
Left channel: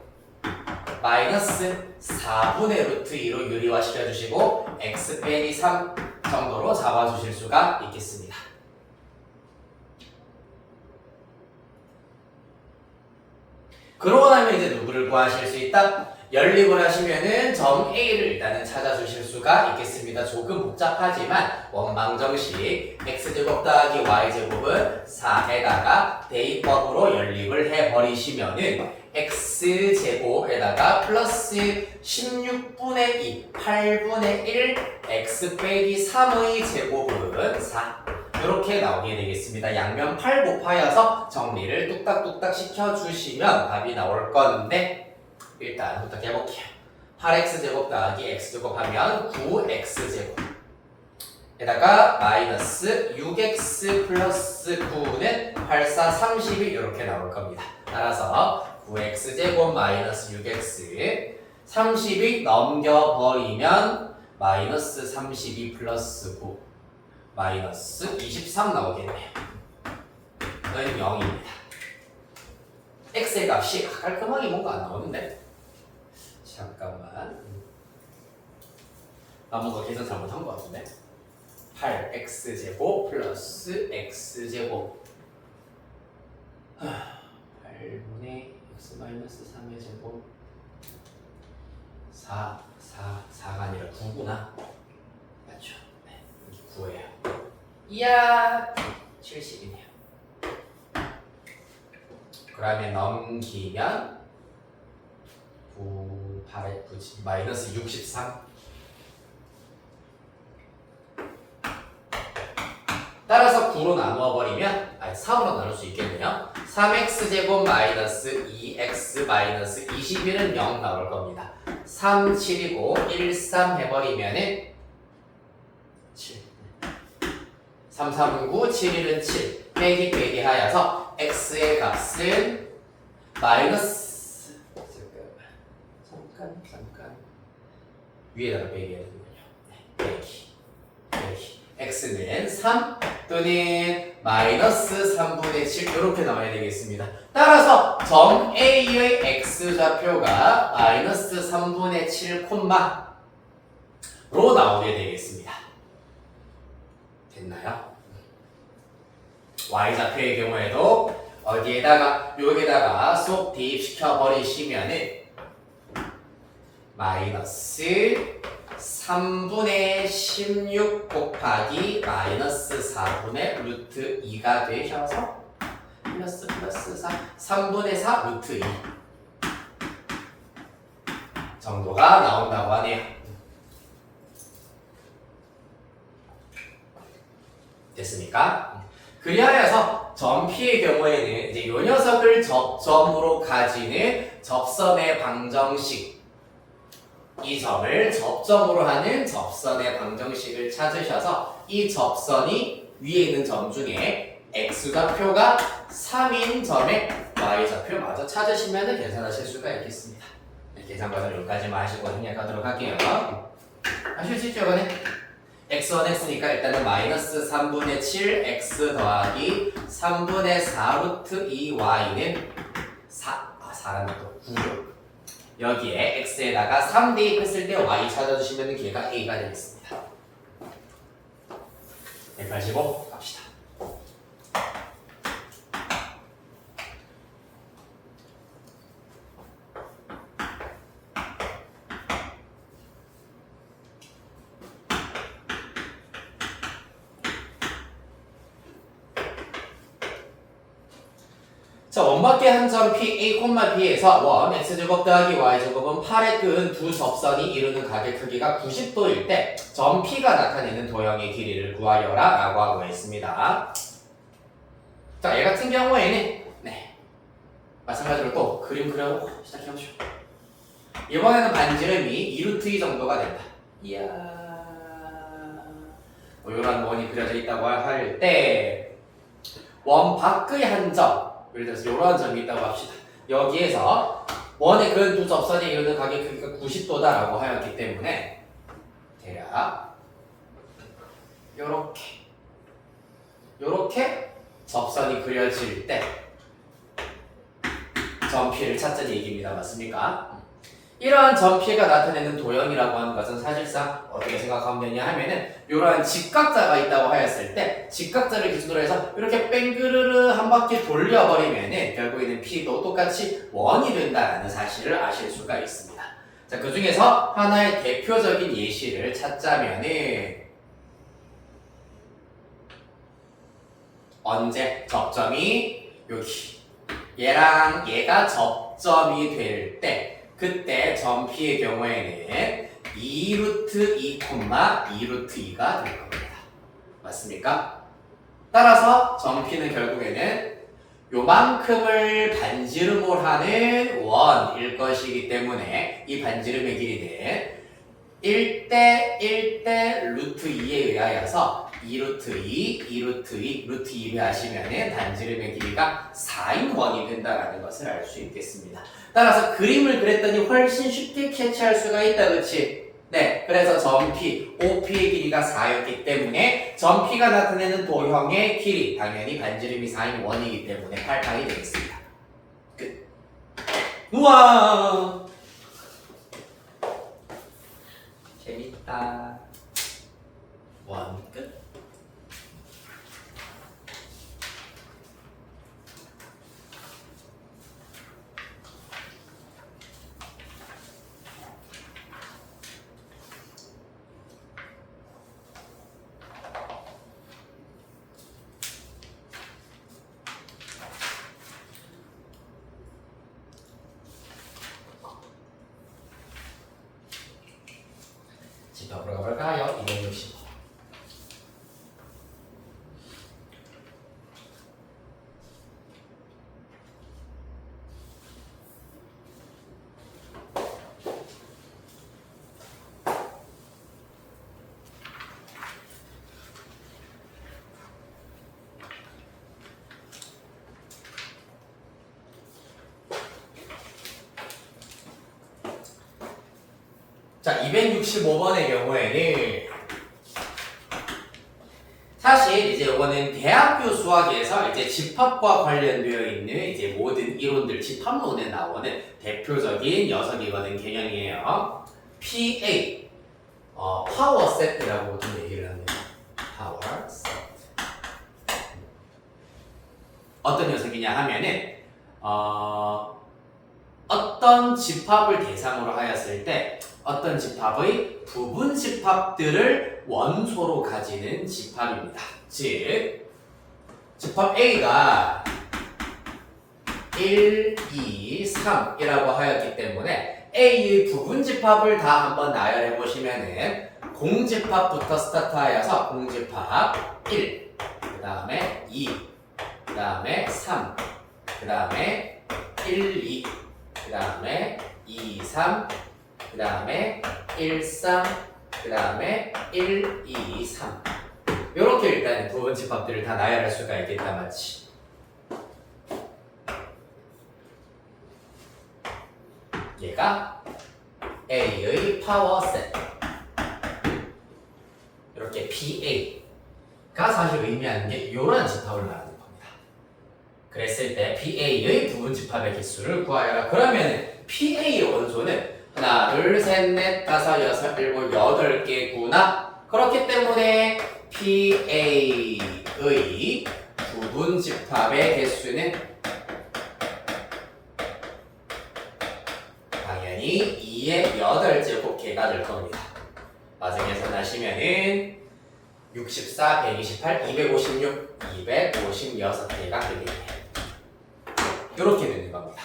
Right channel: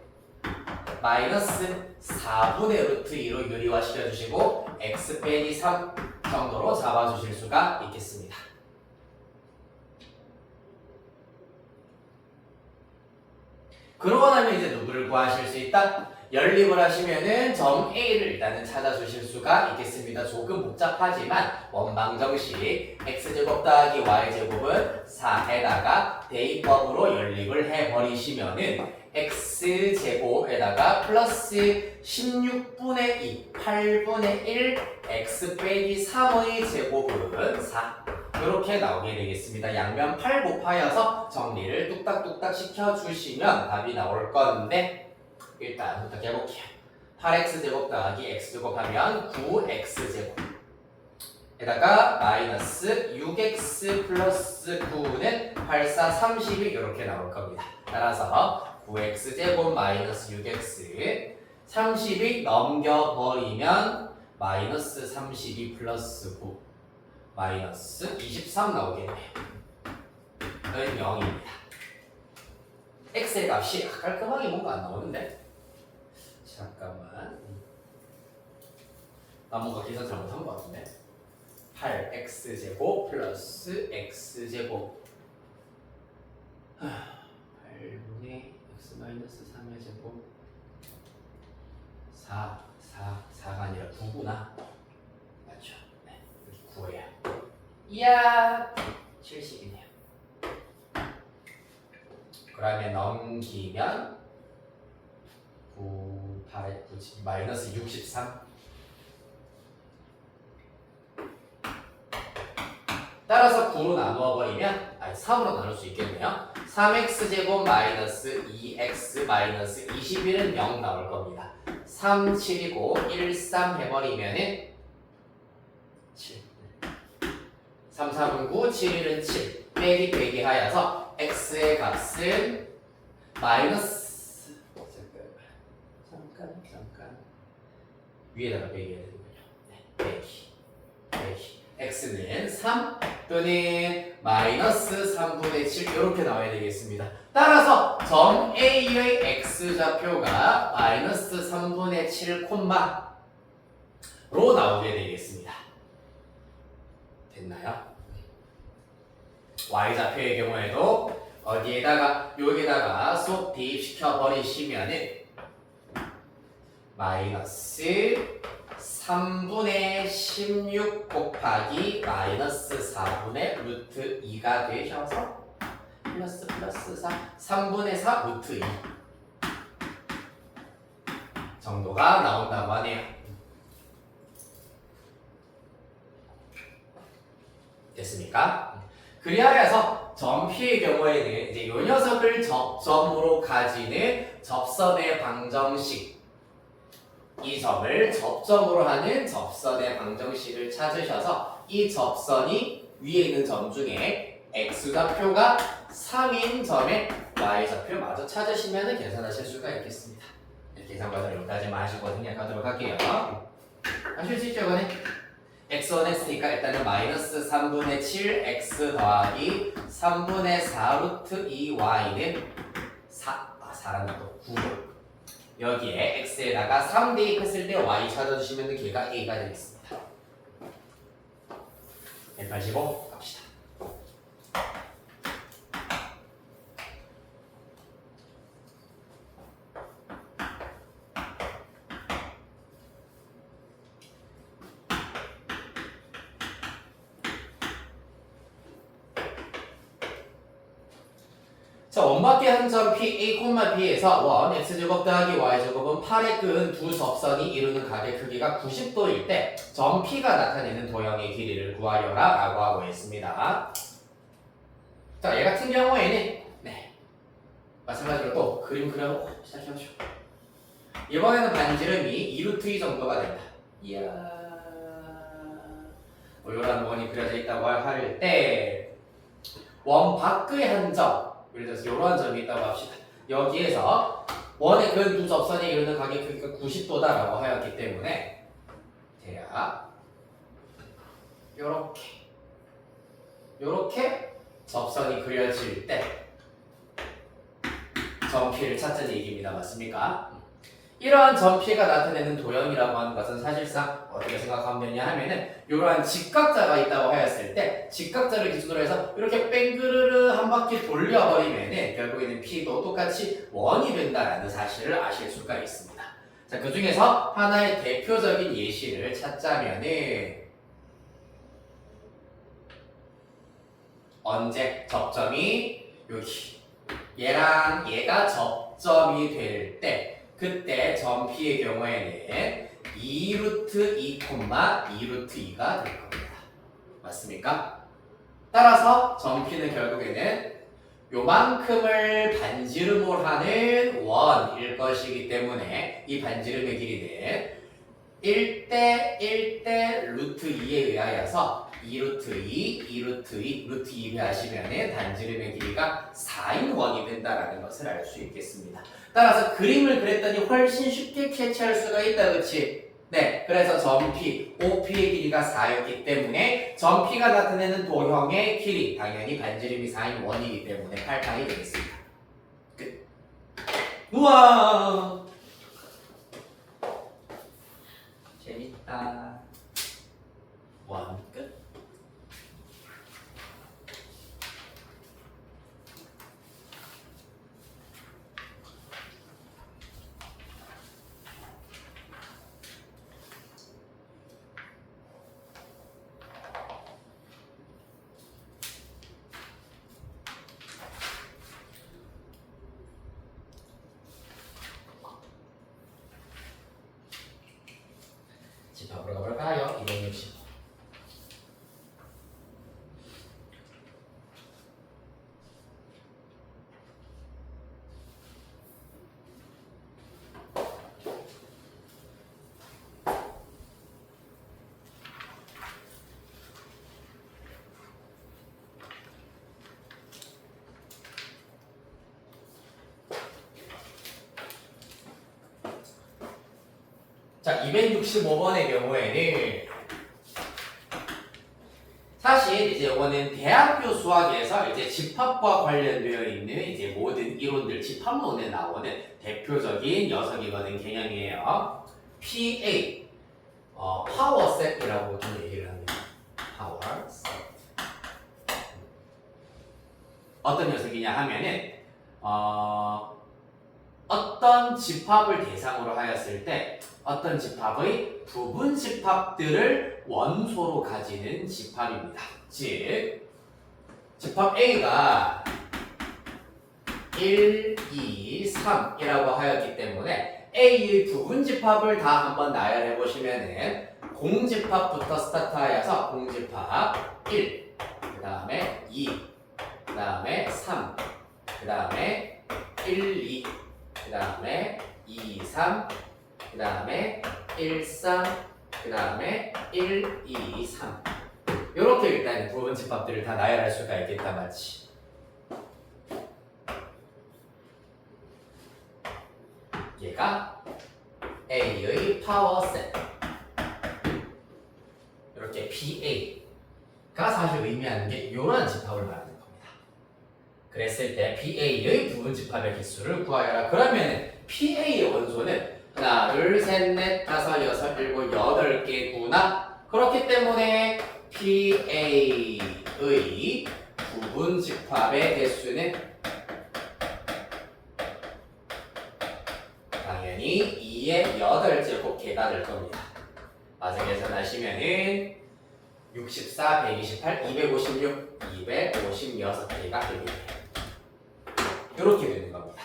마이너스 4분의 루트 2로 유리화시켜주시고 x 빼기 3 정도로 잡아주실 수가 있겠습니다. 그러고 나면 이제 누구를 구하실 수 있다? 연립을 하시면은 점 A를 일단은 찾아주실 수가 있겠습니다. 조금 복잡하지만 원방정식 x제곱 더하기 y제곱은 4에다가 대입법으로 연립을 해버리시면은 x제곱에다가 플러스 16분의 2, 8분의 1 x 빼기 3의 제곱은 4. 이렇게 나오게 되겠습니다. 양면 8 곱하여서 정리를 뚝딱뚝딱 시켜주시면 답이 나올 건데 일단 부터 해볼게요. 8x제곱 더하기 x제곱 하면 9x제곱 에다가 마이너스 6x 플러스 9는 8, 4, 30이 이렇게 나올 겁니다. 따라서 9x제곱 마이너스 6x 30이 넘겨버리면 마이너스 32 플러스 9 마이너스 23 나오겠네요. 는 0입니다. x의 값이 깔끔하게 뭔가 안 나오는데 잠깐만 나 뭔가 계산 잘못한 것 같은데 8x제곱 플러스 x제곱 8분의 x 마이너스 3의 제곱 4가 아니라 9구나 맞죠? 네, 여기 9예요. 이야 70이네요. 그러면 넘기면 9, 8에 9, 마이너스 63 따라서 9로 나누어버리면 3으로 나눌 수 있겠네요. 3x제곱 마이너스 2x 마이너스 21은 0 나올 겁니다. 3, 7이고 1, 3 해버리면은 7 3, 3은 9, 7, 1은 7 빼기 하여서 x의 값은 마이너스 잠깐 위에다가 빼기 해야 되는군요. 네, 빼기 x는 3 또는 마이너스 3분의 7 이렇게 나와야 되겠습니다. 따라서 점 A의 x좌표가 마이너스 3분의 7 콤마로 나오게 되겠습니다. 됐나요? y좌표의 경우에도 여기에다가 쏙 대입시켜 버리시면은 마이너스 3분의 16 곱하기 마이너스 4분의 루트 2가 되셔서 플러스 4 3분의 4 루트 2 정도가 나온다고 하네요. 됐습니까? 그리하여서 점 P의 경우에는 이제 이 녀석을 접점으로 가지는 접선의 방정식 이 점을 접점으로 하는 접선의 방정식을 찾으셔서 이 접선이 위에 있는 점 중에 x좌표가 3인 점의 y좌표 마저 찾으시면 계산하실 수가 있겠습니다. 네, 계산 과정 여기까지만 하시고 생략하도록 할게요. 하실 수 있죠, 이거는? x1, x니까 일단은 마이너스 3분의 7 x 더하기 3분의 4 루트 2y는 4라는 또 9죠. 여기에 x에다가 3 대입했을 때 y 찾아주시면 걔가 a가 되겠습니다. 185 갑시다. 자, 원밖에 한 점 P, A, B에서 원, X제곱 더하기 Y제곱은 8의 끈 두 접선이 이루는 각의 크기가 90도일 때 점 P가 나타내는 도형의 길이를 구하여라 라고 하고 있습니다. 자, 얘 같은 경우에는 마찬가지로 또 그림 그려놓고 시작해보시오. 이번에는 반지름이 2루트 2 정도가 된다. 이야, 이런 원이 그려져 있다고 할 때 원 밖의 한 점, 예를 들어서 이러한 점이 있다고 합시다. 여기에서 원의 근 두 접선이 이루는 각의 크기가 90도다라고 하였기 때문에 대략 요렇게 접선이 그려질 때 점 P를 찾자는 얘기입니다. 맞습니까? 이러한 점 P가 나타내는 도형이라고 하는 것은 사실상 어떻게 생각하면 되냐 하면은 이러한 직각자가 있다고 하였을 때 직각자를 기준으로 해서 이렇게 뺑그르르 한 바퀴 돌려버리면은 결국에는 P도 똑같이 원이 된다는 사실을 아실 수가 있습니다. 자, 그 중에서 하나의 대표적인 예시를 찾자면은 언제 접점이 여기 얘랑 얘가 접점이 될 때 그때 점 P의 경우에는 2루트 2, 2루트 2가 될 겁니다. 맞습니까? 따라서 점 P는 결국에는 요만큼을 반지름을 하는 원일 것이기 때문에 이 반지름의 길이는 1대 1대 루트 2에 의하여서 2루트 2, 2루트 2, 루트 2를 하시면은 반지름의 길이가 4인 원이 된다라는 것을 알 수 있겠습니다. 따라서 그림을 그렸더니 훨씬 쉽게 캐치할 수가 있다, 그치? 네, 그래서 점 P, OP의 길이가 4였기 때문에 점 P가 나타내는 도형의 길이 당연히 반지름이 4인 원이기 때문에 8파이 되겠습니다. 끝. 우와! 재밌다. 원 끝. 집합으로 가볼까요? 260. 자, 265번의 경우에는 사실 이제 이거는 대학교 수학에서 이제 집합과 관련되어 있는 이제 모든 이론들 집합론에 나오는 대표적인 녀석이거든 개념이에요. PA 파워 세트라고 보통 얘기를 합니다. 파워 세트. 어떤 녀석이냐 하면은 어떤 집합을 대상으로 하였을 때 어떤 집합의 부분 집합들을 원소로 가지는 집합입니다. 즉, 집합 A가 1, 2, 3이라고 하였기 때문에 A의 부분 집합을 다 한번 나열해 보시면은 공집합부터 스타트하여서 공집합 1, 그 다음에 2, 그 다음에 3, 그 다음에 1, 2, 그 다음에 2, 3, 그 다음에 1, 3, 그 다음에 1, 2, 3 이렇게 일단 부분 집합들을 다 나열할 수가 있겠다, 맞지? 얘가 A의 파워 세트 이렇게 PA가 사실 의미하는 게 이런 집합을 말하는 겁니다. 그랬을 때 PA의 부분 집합의 개수를 구하여라. 그러면 PA의 원소는 하나, 둘, 셋, 넷, 다섯, 여섯, 일곱, 여덟 개구나. 그렇기 때문에 PA의 부분 집합의 개수는 당연히 2의 8제곱개가 될 겁니다. 맞은 계산하시면은 64, 128, 256, 256개가 되겠네요. 이렇게 되는 겁니다.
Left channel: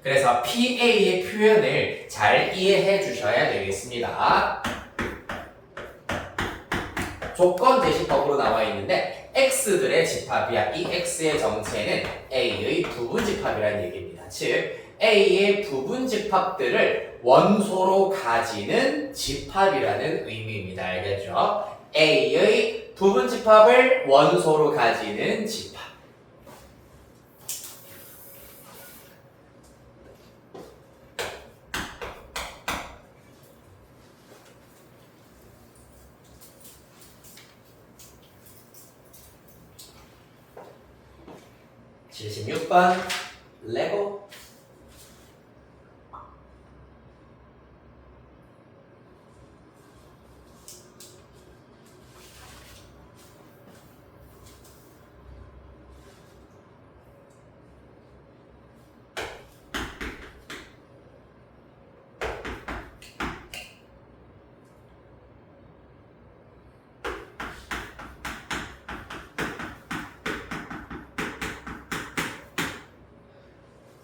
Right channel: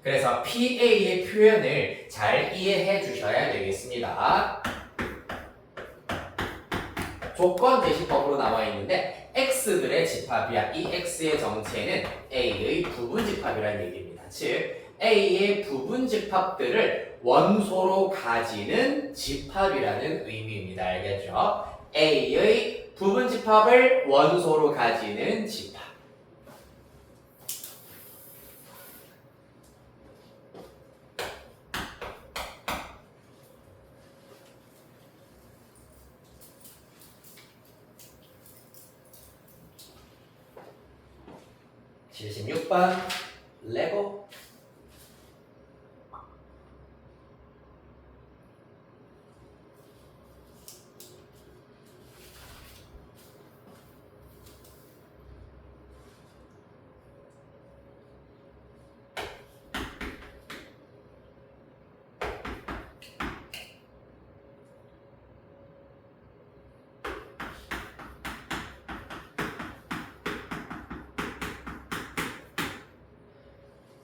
그래서 PA의 표현을 잘 이해해 주셔야 되겠습니다. 조건 제시법으로 나와 있는데 X들의 집합이야. 이 X의 정체는 A의 부분 집합이라는 얘기입니다. 즉 A의 부분 집합들을 원소로 가지는 집합이라는 의미입니다. 알겠죠? A의 부분 집합을 원소로 가지는 집합. (76번) 레고.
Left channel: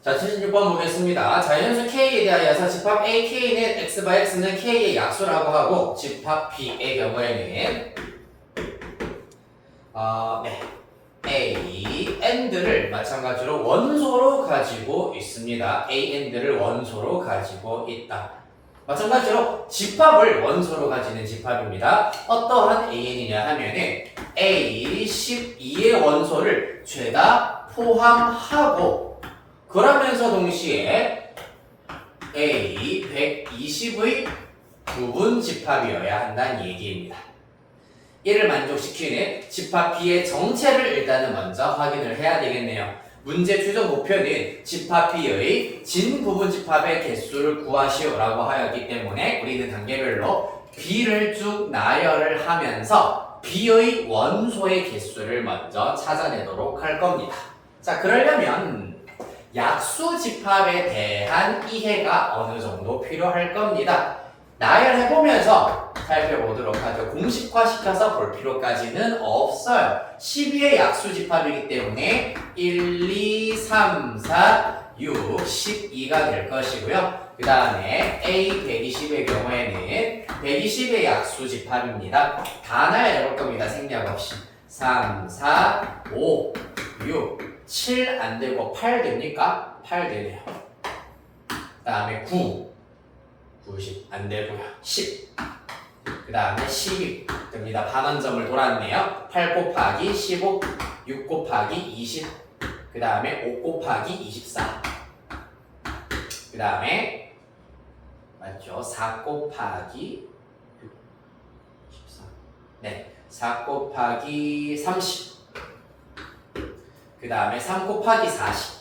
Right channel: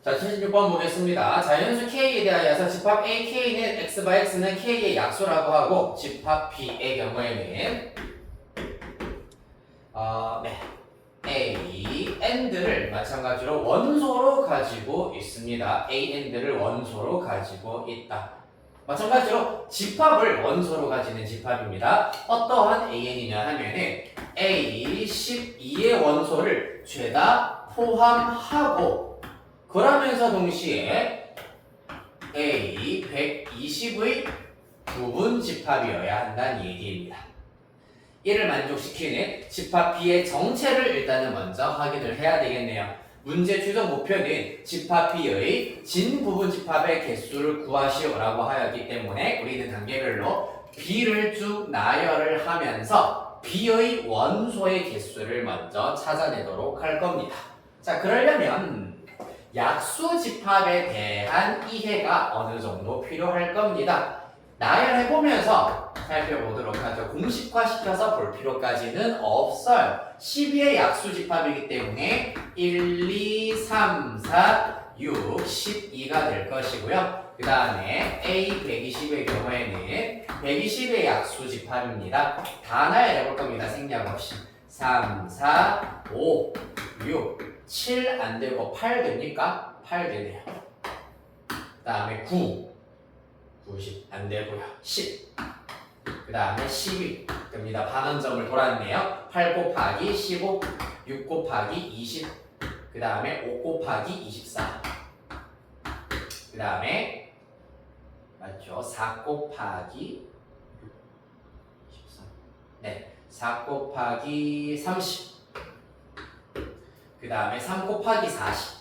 자, 76번 보겠습니다. 자연수 K에 대하여서 집합 A, K는 X/X는 K의 약수라고 하고 집합 B의 경우에는 네. A and를 마찬가지로 원소로 가지고 있습니다. A and를 원소로 가지고 있다. 마찬가지로 집합을 원소로 가지는 집합입니다. 어떠한 AN이냐 하면은 A12의 원소를 죄다 포함하고 그러면서 동시에 A120의 부분 집합이어야 한다는 얘기입니다. 이를 만족시키는 집합 B의 정체를 일단은 먼저 확인을 해야 되겠네요. 문제 최종 목표는 집합 B의 진 부분 집합의 개수를 구하시오라고 하였기 때문에 우리는 단계별로 B를 쭉 나열을 하면서 B의 원소의 개수를 먼저 찾아내도록 할 겁니다. 자, 그러려면 약수 집합에 대한 이해가 어느 정도 필요할 겁니다. 나열해보면서 살펴보도록 하죠. 공식화시켜서 볼 필요까지는 없어요. 12의 약수 집합이기 때문에 1, 2, 3, 4, 6, 12가 될 것이고요. 그 다음에 A120의 경우에는 120의 약수 집합입니다. 다 나열해볼 겁니다. 생략 없이. 3, 4, 5, 6, 7 안되고 8 됩니까? 8 되네요. 그 다음에 9, 90 안되고요. 10, 그 다음에 12 됩니다. 반원점을 돌았네요. 8 곱하기 15, 6 곱하기 20, 그 다음에 5 곱하기 24, 그 다음에 맞죠? 4 곱하기 24, 네, 4 곱하기 30, 그 다음에 3 곱하기 40,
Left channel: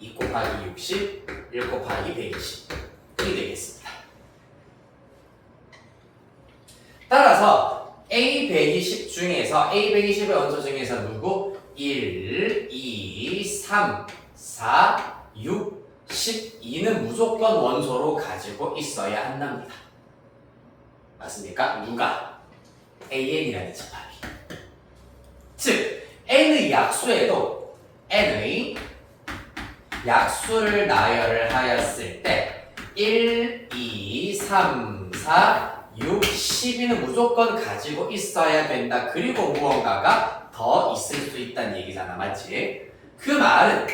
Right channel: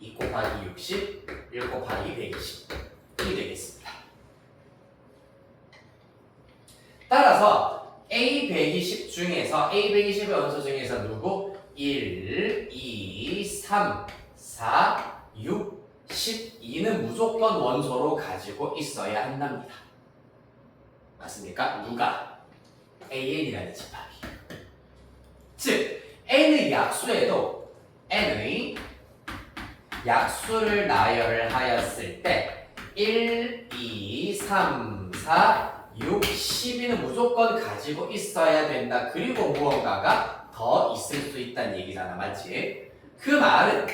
2 곱하기 60, 1 곱하기 120 이 되겠습니다. 따라서 A120 중에서 A120의 원소 중에서 누구? 1, 2, 3, 4, 6, 12는 무조건 원소로 가지고 있어야 한답니다. 맞습니까? 누가? AN이라는 집합이. 즉 N의 약수에도 N의 약수를 나열을 하였을 때 1, 2, 3, 4, 6, 12는 무조건 가지고 있어야 된다. 그리고 무언가가 더 있을 수 있다는 얘기잖아. 맞지? 그 말은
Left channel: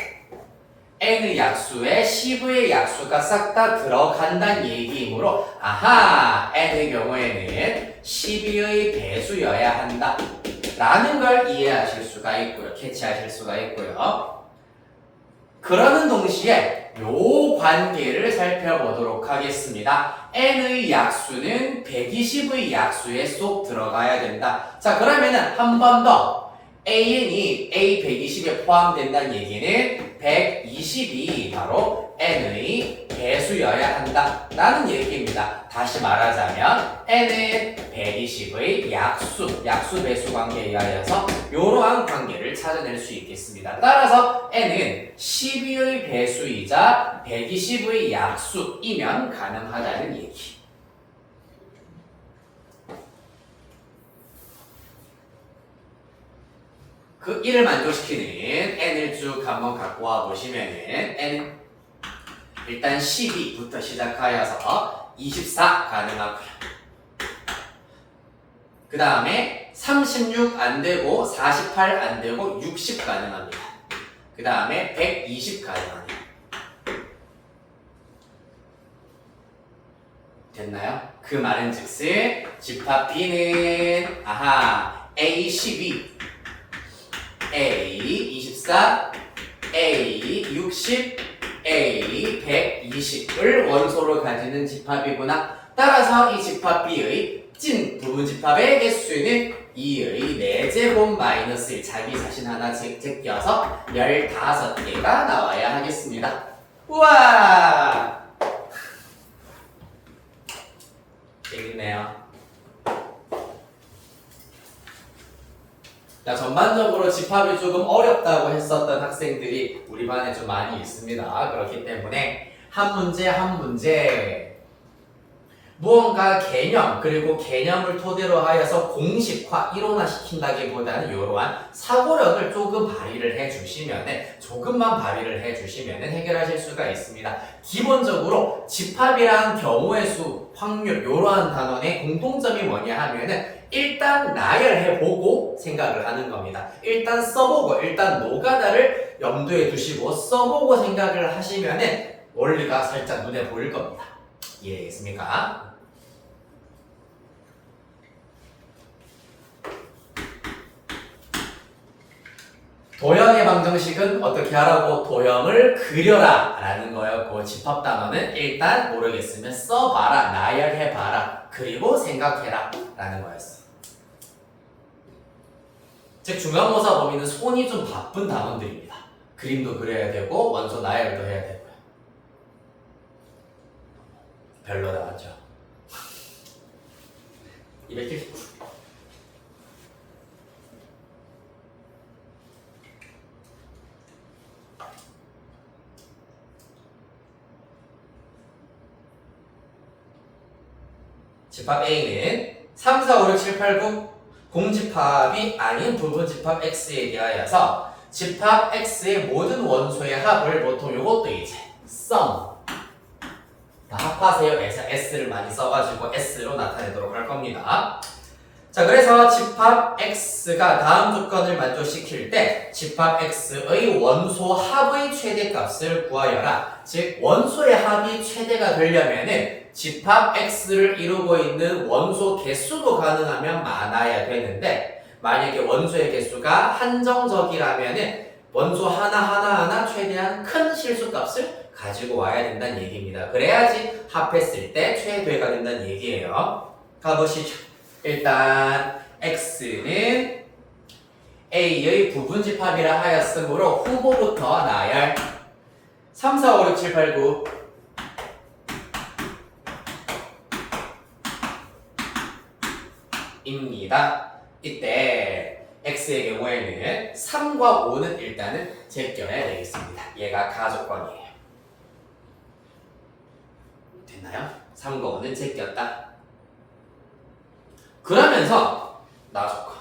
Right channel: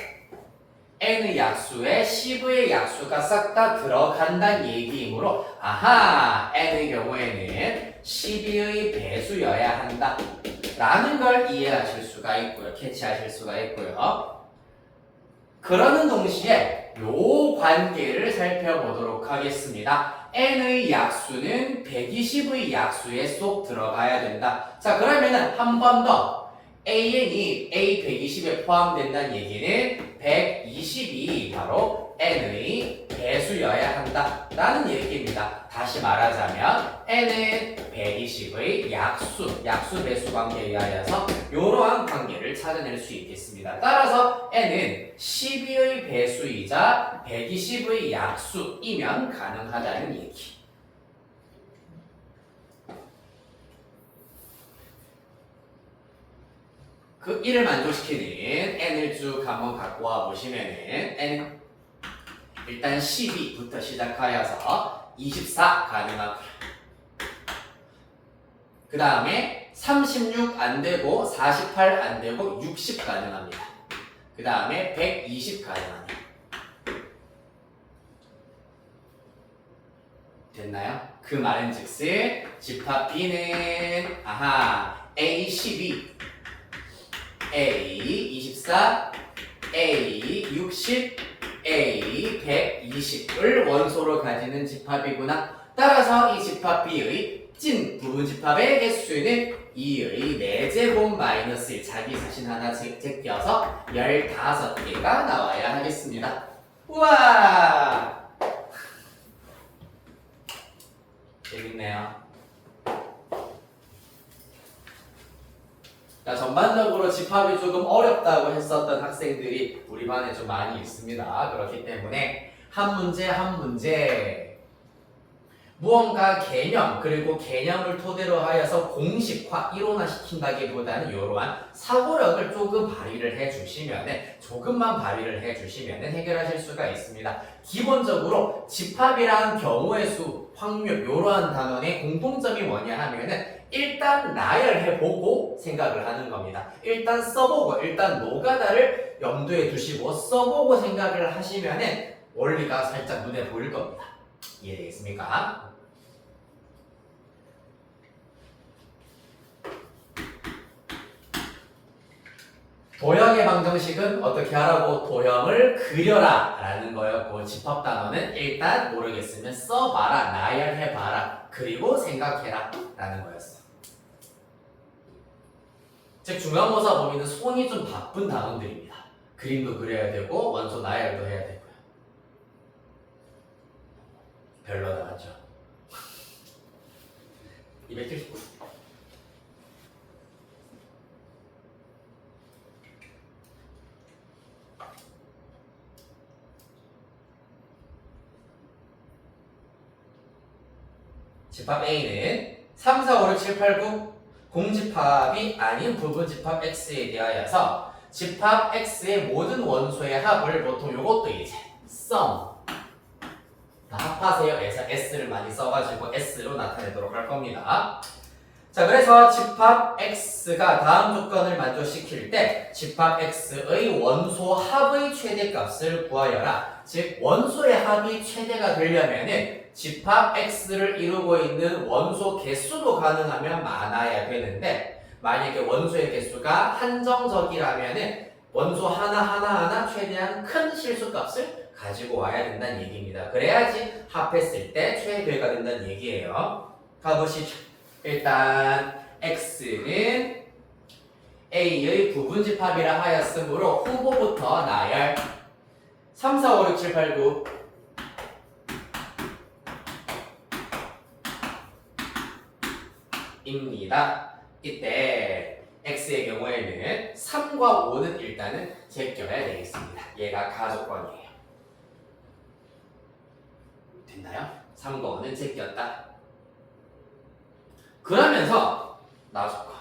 N의 약수에 10의 약수가 싹 다 들어간다는 얘기이므로 아하! N의 경우에는 12의 배수여야 한다. 라는 걸 이해하실 수가 있고요. 캐치하실 수가 있고요. 그러는 동시에 요 관계를 살펴보도록 하겠습니다. N의 약수는 120의 약수에 쏙 들어가야 된다. 자, 그러면은 한 번 더 AN이 A120에 포함된다는 얘기는 120이 바로 N의 배수여야 한다 라는 얘기입니다. 다시 말하자면 N은 120의 약수 배수 관계에 의하여서 이러한 관계를 찾아낼 수 있겠습니다. 따라서 N은 12의 배수이자 120의 약수이면 가능하다는 얘기. 그 이를 만족시키는 N을 쭉 한번 갖고 와 보시면은 N은 일단 12부터 시작하여서 24 가능하고요. 그 다음에 36 안되고 48 안되고 60 가능합니다. 그 다음에 120 가능합니다. 됐나요? 그 말은 즉슨 집합 B는 A12, A24, A60, A120을 원소로 가지는 집합이구나. 따라서 이 집합 B의 찐 부분 집합의 개수는 2의 4제곱 마이너스 1 자기 자신 하나 제껴서 15개가 나와야 하겠습니다. 우와! 재밌네요. 자, 전반적으로 집합이 조금 어렵다고 했었던 학생들이 우리 반에 좀 많이 있습니다. 그렇기 때문에 한 문제 무언가 개념 그리고 개념을 토대로 하여서 공식화, 이론화 시킨다기보다는 이러한 사고력을 조금 발휘를 조금만 발휘를 해주시면 해결하실 수가 있습니다. 기본적으로 집합이란 경우의 수, 확률 이러한 단원의 공통점이 뭐냐 하면은 일단 나열해보고 생각을 하는 겁니다. 일단 써보고 일단 노가다를 염두에 두시고 써보고 생각을 하시면은 원리가 살짝 눈에 보일 겁니다. 이해되겠습니까? 도형의 방정식은 어떻게 하라고? 도형을 그려라 라는 거였고 집합 단어는 일단 모르겠으면 써봐라, 나열해봐라, 그리고 생각해라 라는 거였어. 즉 중간고사 범위는 손이 좀 바쁜 단원들입니다. 그림도 그려야 되고 원소 나열도 해야 되고요. 별로다 맞죠? 279. 집합 A는 3, 4, 5, 6, 7, 8, 9 공집합이 아닌 부분집합 X에 대하여서 집합 X의 모든 원소의 합을 보통 이것도 이제 sum 다 합하세요. 그래서 S를 많이 써가지고 S로 나타내도록 할 겁니다. 자, 그래서 집합 X가 다음 조건을 만족시킬 때 집합 X의 원소 합의 최대값을 구하여라. 즉 원소의 합이 최대가 되려면은 집합 X를 이루고 있는 원소 개수도 가능하면 많아야 되는데 만약에 원소의 개수가 한정적이라면은 원소 하나 최대한 큰 실수값을 가지고 와야 된다는 얘기입니다. 그래야지 합했을 때 최대가 된다는 얘기예요. 가보시죠. 일단 X는 A의 부분집합이라 하였으므로 후보부터 나열 3, 4, 5, 6, 7, 8, 9 입니다. 이때 X의 경우에는 3과 5는 일단은 제껴야 되겠습니다. 얘가 가조건이에요. 됐나요? 3과 5는 제꼈다. 그러면서 나조건.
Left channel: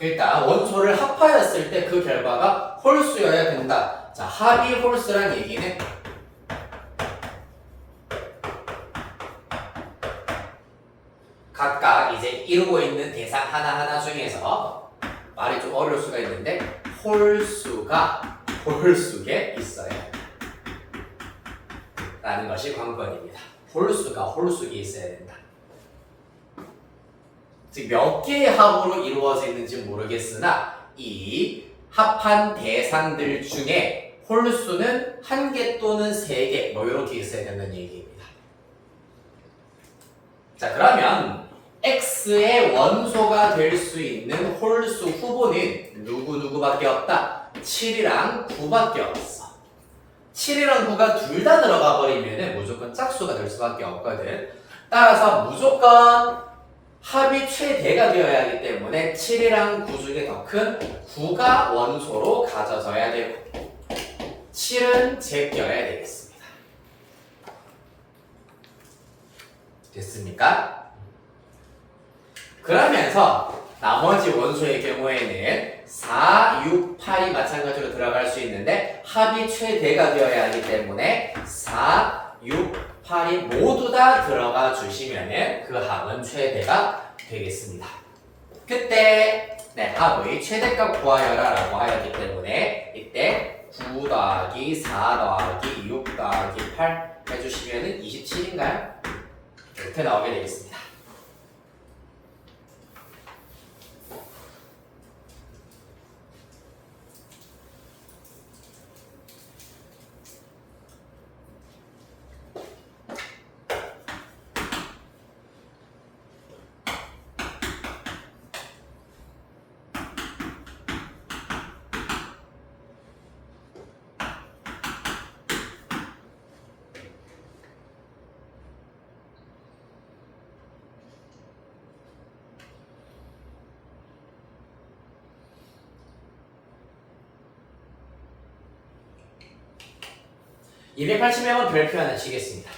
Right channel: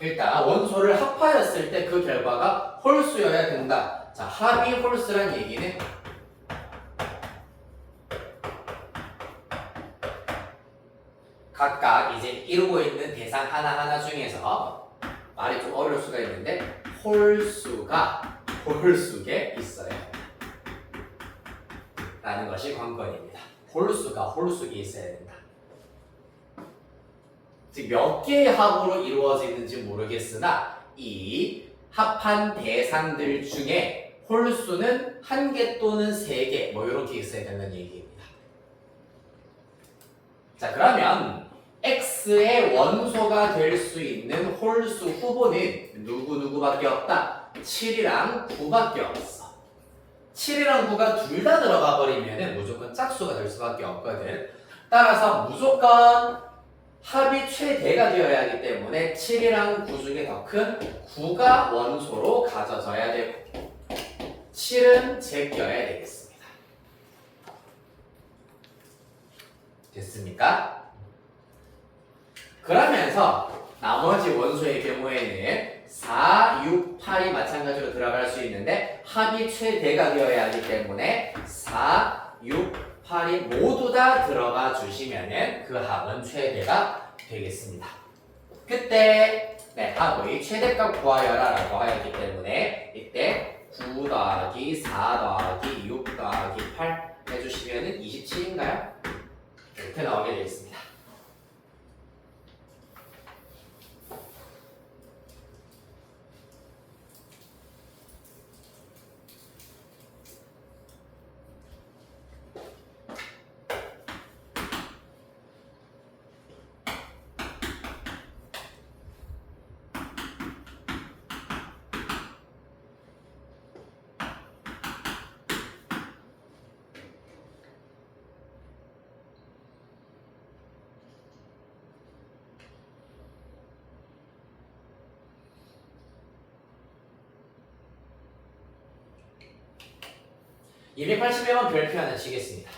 일단 원소를 합하였을 때 그 결과가 홀수여야 된다. 자, 합이 홀수란 얘기는 각각 이제 이루고 있는 대상 하나하나 중에서 말이 좀 어려울 수가 있는데 홀수가 홀수에 있어야 된다 라는 것이 관건입니다. 홀수가 홀수에 있어야 된다. 즉 몇 개의 합으로 이루어져 있는지 모르겠으나 이 합한 대상들 중에 홀수는 1개 또는 3개 뭐 이렇게 있어야 된다는 얘기입니다. 자, 그러면 X의 원소가 될 수 있는 홀수 후보는 누구밖에 없다? 7이랑 9밖에 없어. 7이랑 9가 둘 다 들어가 버리면 무조건 짝수가 될 수밖에 없거든. 따라서 무조건 합이 최대가 되어야 하기 때문에 7이랑 9 중에 더 큰 9가 원소로 가져져야 되고 7은 제껴야 되겠습니다. 됐습니까? 그러면서 나머지 원소의 경우에는 4, 6, 8이 마찬가지로 들어갈 수 있는데 합이 최대가 되어야 하기 때문에 4, 6, 8이 모두 다 들어가 주시면은 그 합은 최대가 되겠습니다. 그때 합의 최대값 구하여라 라고 하였기 때문에 이때 9 더하기 4 더하기 6 더하기 8 해주시면은 27인가요? 이렇게 나오게 되겠습니다. 이 280명은 별표 하나 치겠습니다.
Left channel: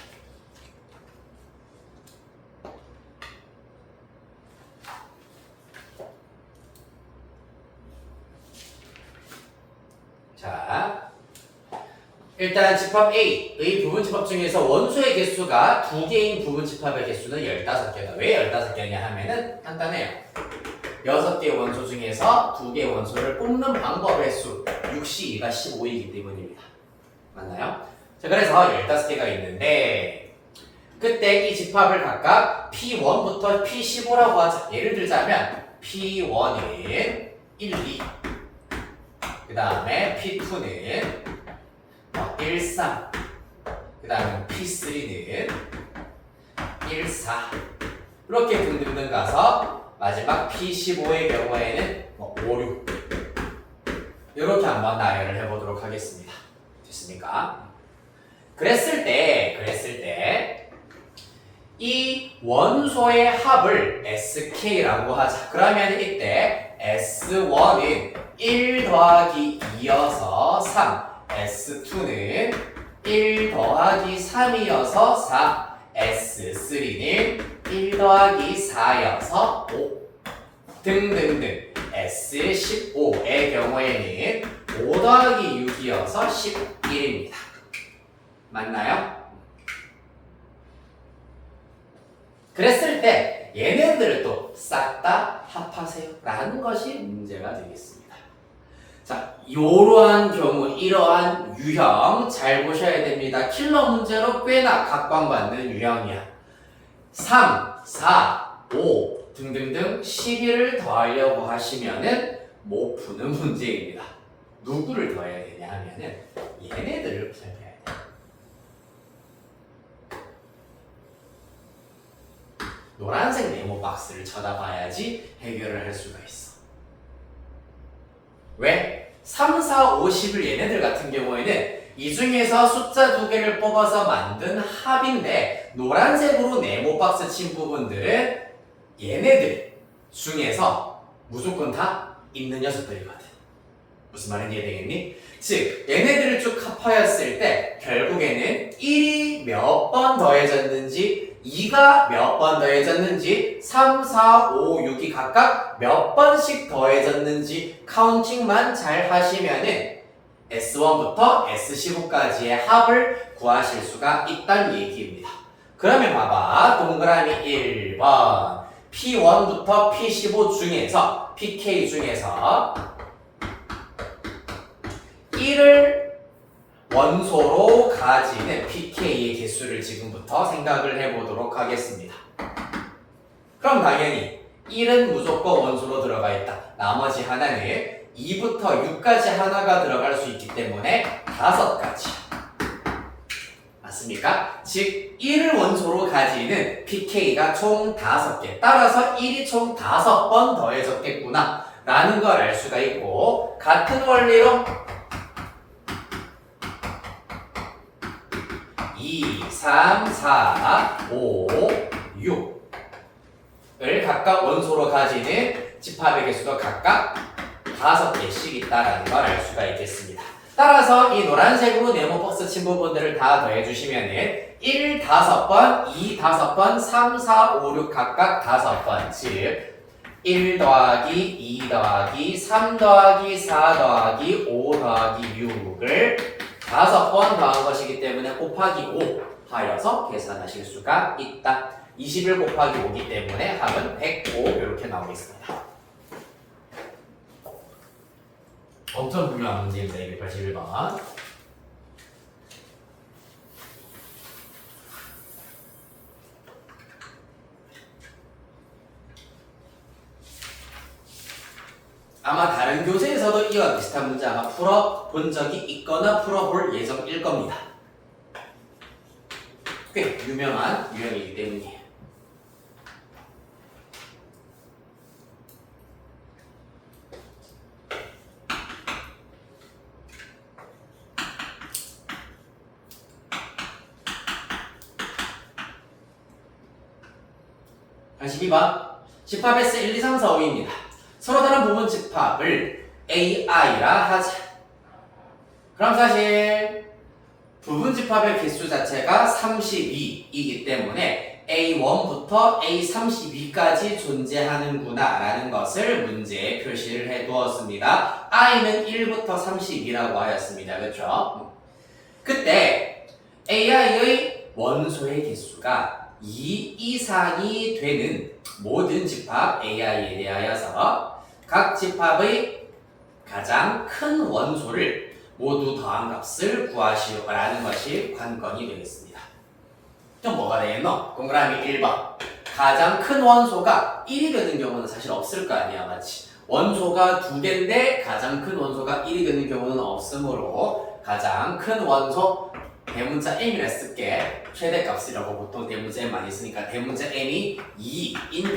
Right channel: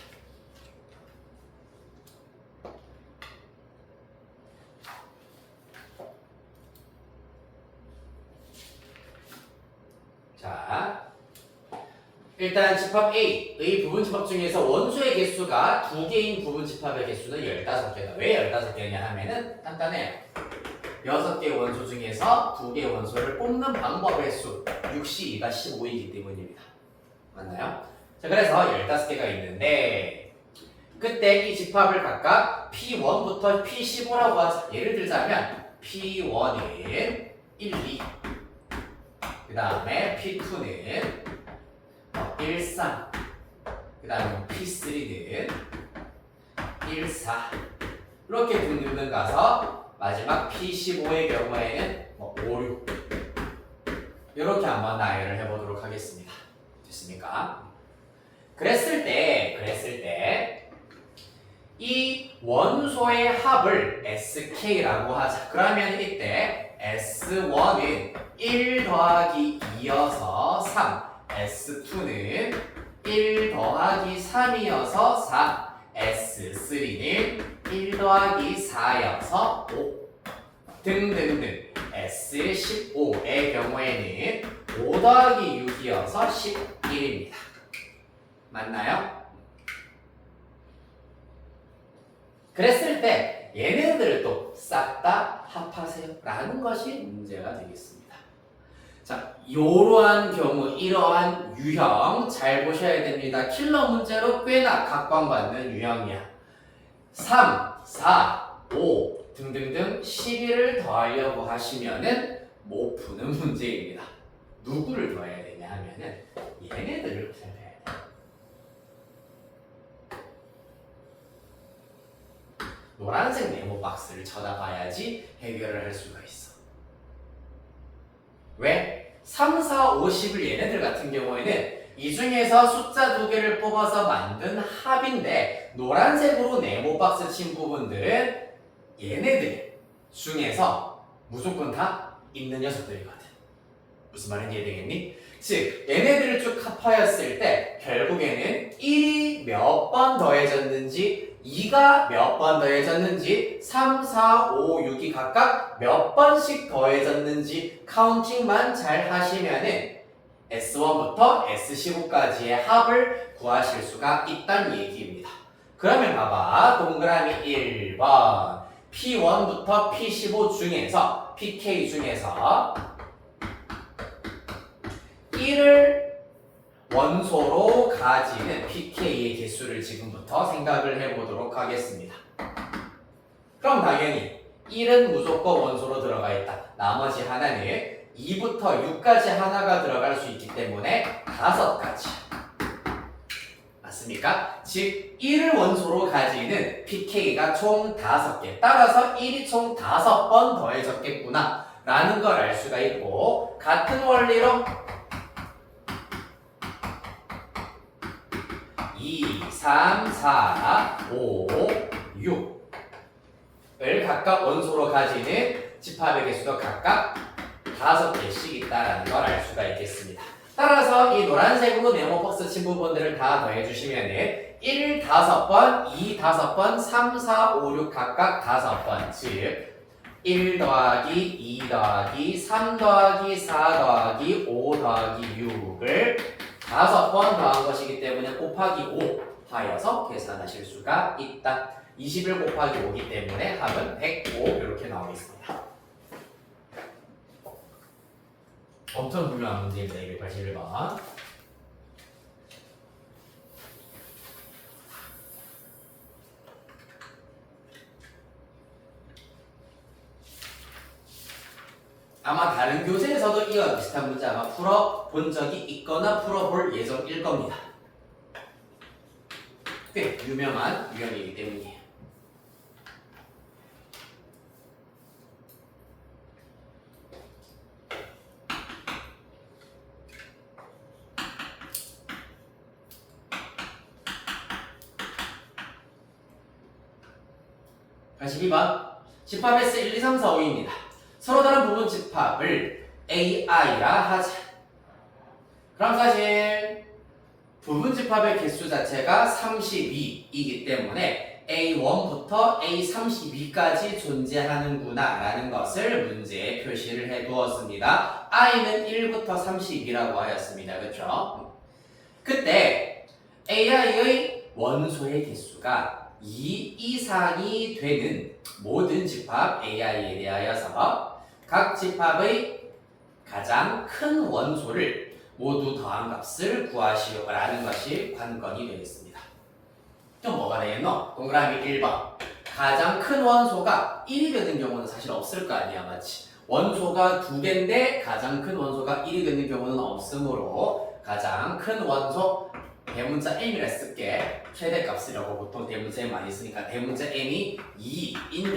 자, 일단 집합 A의 부분집합 중에서 원소의 개수가 2개인 부분집합의 개수는 15개다. 왜 15개냐 하면은 간단해요. 6개의 원소 중에서 2개의 원소를 뽑는 방법의 수 6시 2가 15이기 때문입니다. 맞나요? 자, 그래서 15개가 있는데 그때 이 집합을 각각 P1부터 P15라고 하자. 예를 들자면 P1은 1, 2 그 다음에 P2는 1, 3 그 다음에 P3는 1, 4 이렇게 등등등 가서 마지막 P15의 경우에는 5, 6 이렇게 한번 나열을 해보도록 하겠습니다. 됐습니까? 그랬을 때 이 원소의 합을 SK라고 하자. 그러면 이때 S1은 1 더하기 2여서 3 S2는 1 더하기 3이어서 4 S3는 1 더하기 4여서 5 등등등 S15의 경우에는 5 더하기 6이어서 11입니다. 맞나요? 그랬을 때 얘네들을 또 싹 다 합하세요 라는 것이 문제가 되겠습니다. 자, 이러한 경우 이러한 유형 잘 보셔야 됩니다. 킬러 문제로 꽤나 각광받는 유형이야. 3, 4, 5 등등등 11을 더하려고 하시면은 못 푸는 문제입니다. 누구를 더해야 되냐 하면은 얘네들을 구해야 돼. 노란색 네모 박스를 쳐다봐야지 해결을 할 수가 있어. 왜? 3, 4, 5, 10을 얘네들 같은 경우에는 이 중에서 숫자 2개를 뽑아서 만든 합인데 노란색으로 네모 박스 친 부분들은 얘네들 중에서 무조건 다 있는 녀석들이거든. 무슨 말인지 이해되겠니? 즉 얘네들을 쭉 합하였을 때 결국에는 1이 몇 번 더해졌는지 2가 몇 번 더해졌는지 3, 4, 5, 6이 각각 몇 번씩 더해졌는지 카운팅만 잘 하시면은 S1부터 S15까지의 합을 구하실 수가 있다는 얘기입니다. 그러면 봐봐. 동그라미 1번 P1부터 P15 중에서 PK 중에서 1을 원소로 가지는 PK의 개수를 지금부터 생각을 해보도록 하겠습니다. 그럼 당연히 1은 무조건 원소로 들어가 있다. 나머지 하나는 2부터 6까지 하나가 들어갈 수 있기 때문에 5가지. 맞습니까? 즉 1을 원소로 가지는 PK가 총 5개. 따라서 1이 총 5번 더해졌겠구나 라는 걸 알 수가 있고 같은 원리로 2, 3, 4, 5, 6을 각각 원소로 가지는 집합의 개수도 각각 5개씩 있다는 걸 알 수가 있겠습니다. 따라서 이 노란색으로 네모 박스 친 부분들을 다 더해주시면 1, 5번, 2, 5번, 3, 4, 5, 6 각각 5번 즉 1 더하기 2 더하기 3 더하기 4 더하기 5 더하기 6을 5번 더한 것이기 때문에 곱하기 5 하여서 계산하실 수가 있다. 21 곱하기 5이기 때문에 합은 105 이렇게 나오겠습니다. 엄청 중요한 문제입니다. 281번. 아마 다른 교재에서도 이와 비슷한 문제 아마 풀어본 적이 있거나 풀어볼 예정일 겁니다. 꽤 유명한 유형이기 때문이에요. 집합S 1, 2, 3, 4, 5입니다. 서로 다른 부분 집합을 AI라 하자. 그럼 사실 부분 집합의 개수 자체가 32이기 때문에 A1부터 A32까지 존재하는구나 라는 것을 문제에 표시를 해 두었습니다. I는 1부터 32라고 하였습니다. 그렇죠? 그때 AI의 원소의 개수가 2 이상이 되는 모든 집합 AI에 대하여서 각 집합의 가장 큰 원소를 모두 더한 값을 구하시오라는 것이 관건이 되겠습니다. 그럼 뭐가 되겠노? 동그라미 1번. 가장 큰 원소가 1이 되는 경우는 사실 없을 거 아니야, 맞지? 원소가 2개인데 가장 큰 원소가 1이 되는 경우는 없으므로 가장 큰 원소 대문자 m이라 쓸게. 최대값이라고 보통 대문자 m 많이 쓰니까 대문자 m이 2인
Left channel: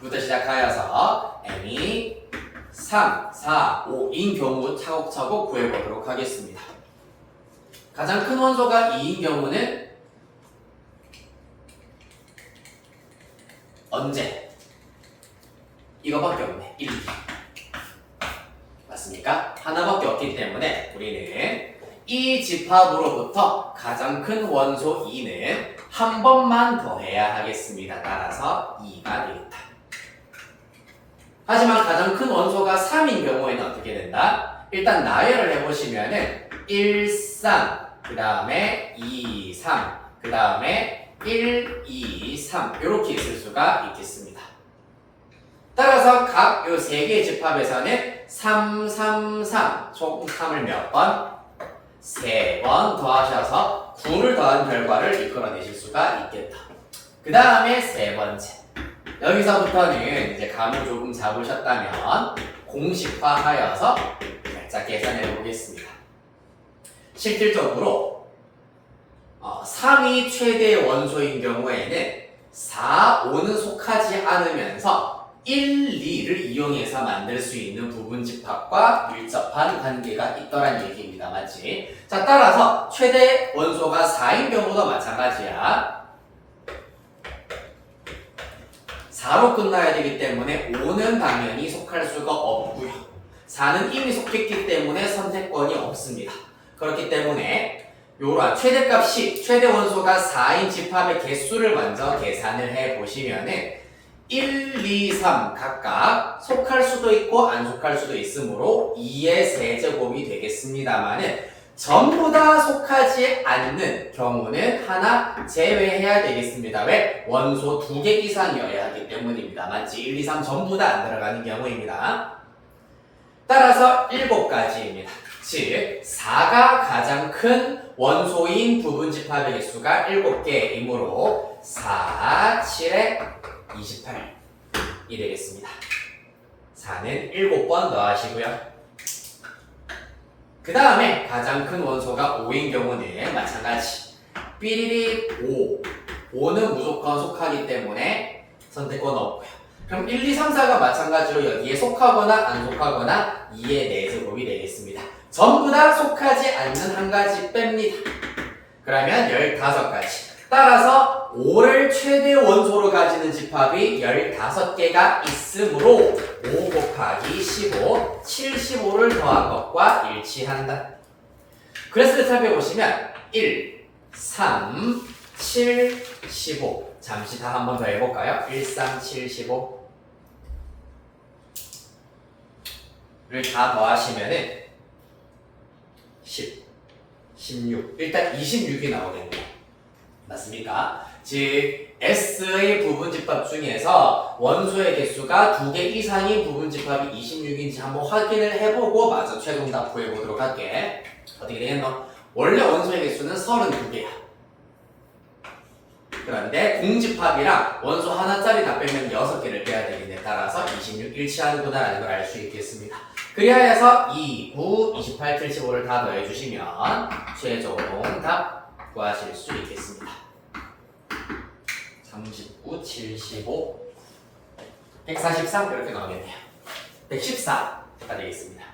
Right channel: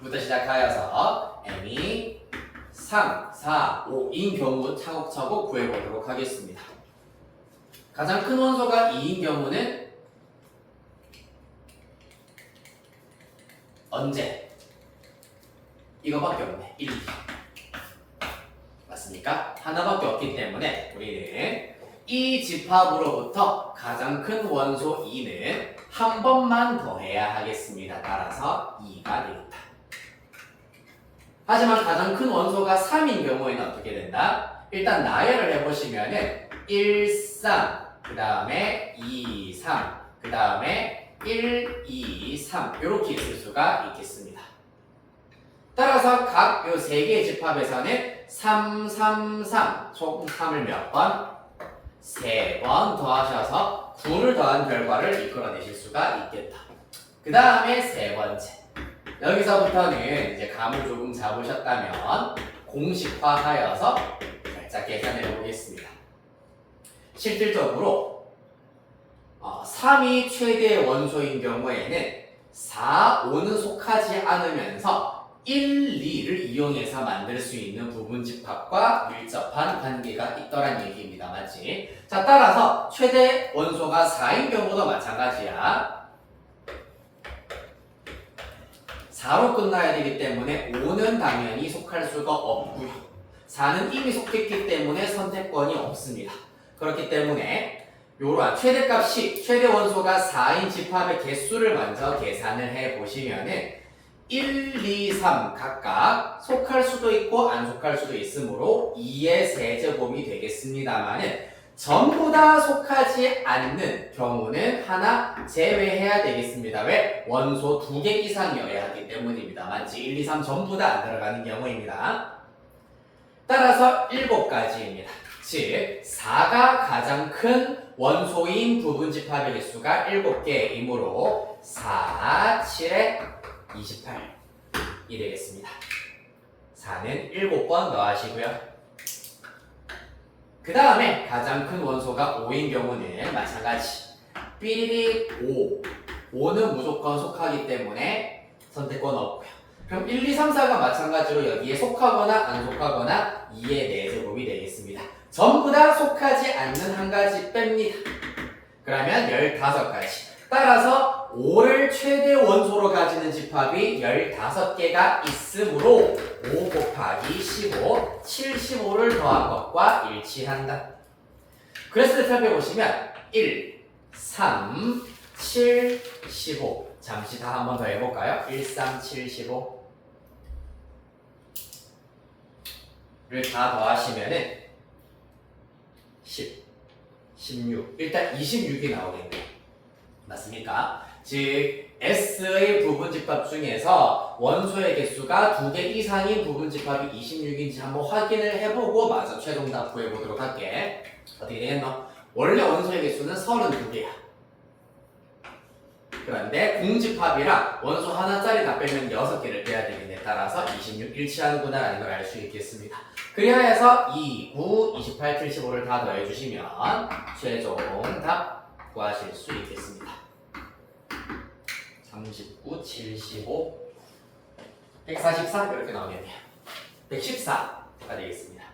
경우부터 시작하여서 m이 3, 4, 5인 경우 차곡차곡 구해보도록 하겠습니다. 가장 큰 원소가 2인 경우는 언제? 이거밖에 없네. 1, 2. 맞습니까? 하나밖에 없기 때문에 우리는 이 집합으로부터 가장 큰 원소 2는 한 번만 더해야 하겠습니다. 따라서 2가 되겠다. 하지만 가장 큰 원소가 3인 경우에는 어떻게 된다? 일단 나열을 해보시면은 1, 3, 그 다음에 2, 3, 그 다음에 1, 2, 3 이렇게 있을 수가 있겠습니다. 따라서 각 요 세 개의 집합에서는 3, 3, 3 총 3을 몇 번? 3번 더하셔서 9를 더한 결과를 이끌어내실 수가 있겠다. 그 다음에 세 번째. 여기서부터는 이제 감을 조금 잡으셨다면 공식화하여서 살짝 계산해 보겠습니다. 실질적으로 3이 최대 원소인 경우에는 4, 5는 속하지 않으면서 1, 2를 이용해서 만들 수 있는 부분집합과 밀접한 관계가 있더란 얘기입니다. 맞지? 자, 따라서 최대 원소가 4인 경우도 마찬가지야. 4로 끝나야 되기 때문에 5는 당연히 속할 수가 없고요. 4는 이미 속했기 때문에 선택권이 없습니다. 그렇기 때문에 요런 최대값이 최대 원소가 4인 집합의 개수를 먼저 계산을 해보시면은 1, 2, 3 각각 속할 수도 있고 안 속할 수도 있으므로 2의 세제곱이 되겠습니다만은 전부 다 속하지 않는 경우는 하나 제외해야 되겠습니다. 왜? 원소 2개 이상이어야 하기 때문입니다. 맞지? 1, 2, 3 전부 다 안 들어가는 경우입니다. 따라서 7가지입니다. 즉 4가 가장 큰 원소인 부분집합의 개수가 7개이므로 4, 7에 28이 되겠습니다. 4는 7번 더하시고요. 그 다음에 가장 큰 원소가 5인 경우는 마찬가지. 삐리리 5. 5는 무조건 속하기 때문에 선택권 없고요. 그럼 1, 2, 3, 4가 마찬가지로 여기에 속하거나 안 속하거나 2의 4제곱이 되겠습니다. 전부 다 속하지 않는 한 가지 뺍니다. 그러면 15가지. 따라서 5를 최대 원소로 가지는 집합이 15개가 있으므로 5 곱하기 15, 75를 더한 것과 일치한다. 그래서 그 살펴보시면 1, 3, 7, 15 잠시 다 한 번 더 해볼까요? 1, 3, 7, 15를 다 더하시면은 10, 16 일단 26이 나오겠네요. 맞습니까? 즉 S의 부분집합 중에서 원소의 개수가 2개 이상인 부분집합이 26인지 한번 확인을 해보고 마저 최종답 구해보도록 할게. 어떻게 되겠노? 원래 원소의 개수는 32개야. 그런데 공집합이랑 원소 하나짜리 다 빼면 6개를 빼야 되는데 따라서 26 일치하는구나 라는 걸 알 수 있겠습니다. 그래야 해서 2, 9, 28, 75를 다 더해주시면 최종 답 구하실 수 있겠습니다. 39, 75, 143 이렇게 나오겠네요. 114가 되겠습니다.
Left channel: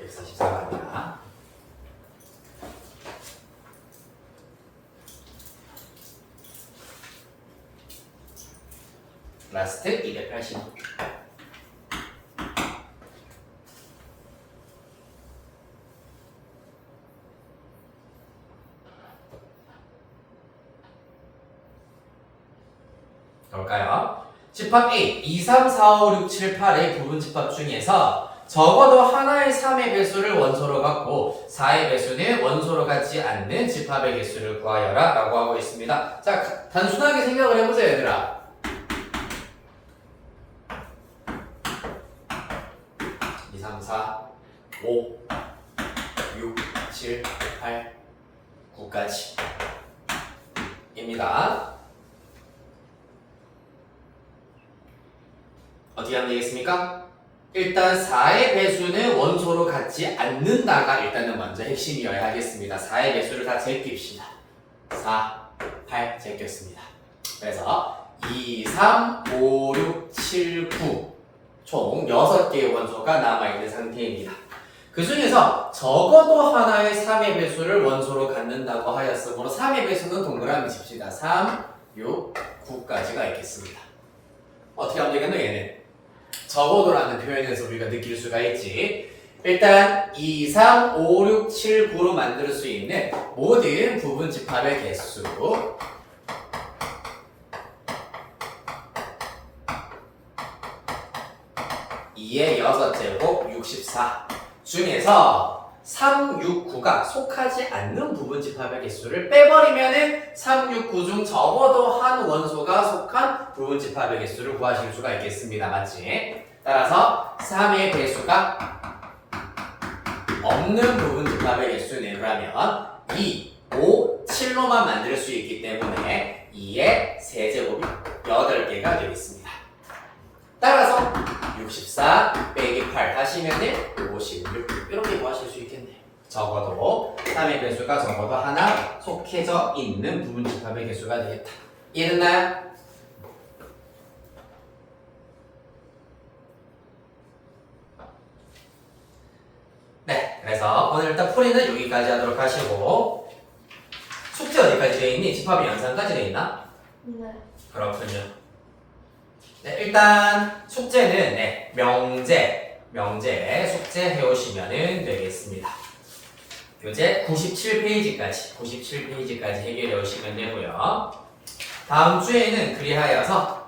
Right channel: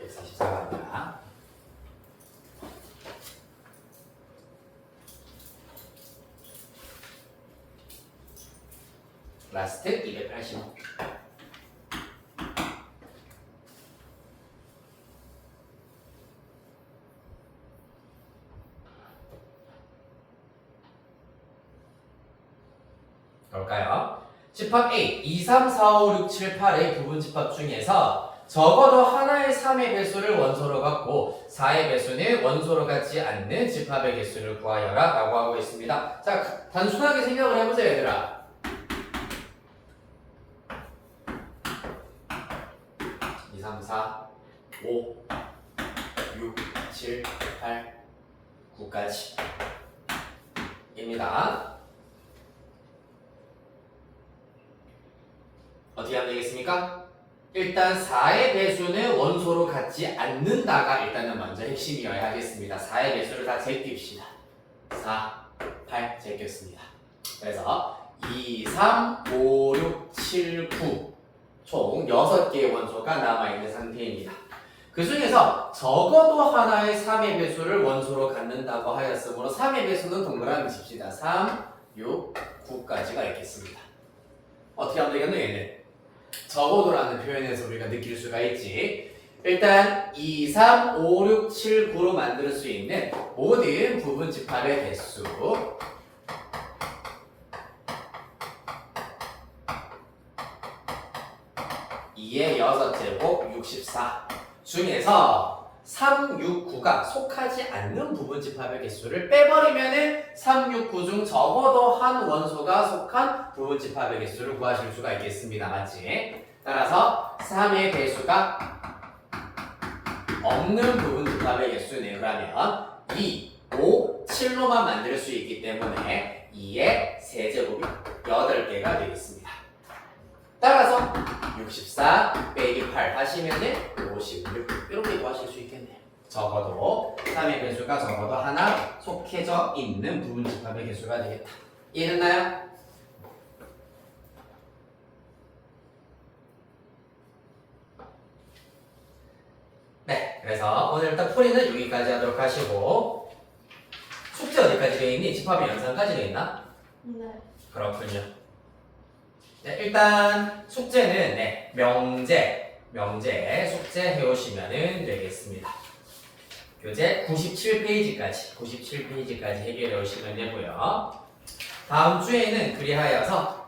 144가 아니라 라스트 280. 볼까요? 집합 A 2, 3, 4, 5, 6, 7, 8의 부분 집합 중에서 적어도 하나의 3의 배수를 원소로 갖고 4의 배수는 원소로 갖지 않는 집합의 개수를 구하여라 라고 하고 있습니다. 자, 단순하게 생각을 해보세요, 얘들아. 2, 3, 4, 5, 6, 7, 8, 9까지 입니다. 어떻게 하면 되겠습니까? 일단 4의 배수는 원소로 갖지 않는다가 일단은 먼저 핵심이어야 하겠습니다. 4의 배수를 다 제낍시다. 4, 8 제꼈습니다. 그래서 2, 3, 5, 6, 7, 9 총 6개의 원소가 남아있는 상태입니다. 그 중에서 적어도 하나의 3의 배수를 원소로 갖는다고 하였으므로 3의 배수는 동그라미 칩시다. 3, 6, 9까지가 있겠습니다. 어떻게 하면 되겠노 얘는? 적어도라는 표현에서 우리가 느낄 수가 있지. 일단 2, 3, 5, 6, 7, 9로 만들 수 있는 모든 부분 집합의 개수 2의 6제곱 64 중에서 3, 6, 9가 속하지 않는 부분 집합의 개수를 빼버리면은 3, 6, 9 중 적어도 한 원소가 속한 부분 집합의 개수를 구하실 수가 있겠습니다. 맞지? 따라서 3의 배수가 없는 부분 집합의 개수는 그러면 2, 5, 7로만 만들 수 있기 때문에 2의 세제곱이 8개가 되겠습니다. 따라서 64 빼기 8 하시면은 56 이렇게 구하실 수 있겠네요. 적어도 3의 배수가 적어도 하나 속해져 있는 부분 집합의 개수가 되겠다. 이해됐나요? 네, 그래서 오늘 일단 풀이는 여기까지 하도록 하시고 숙제 어디까지 되어 있니? 집합의 연산까지 되어 있나? 네. 그렇군요. 네, 일단 숙제는 명제 숙제 해오시면 되겠습니다. 교재 97페이지까지 해결해 오시면 되고요. 다음 주에는 그리하여서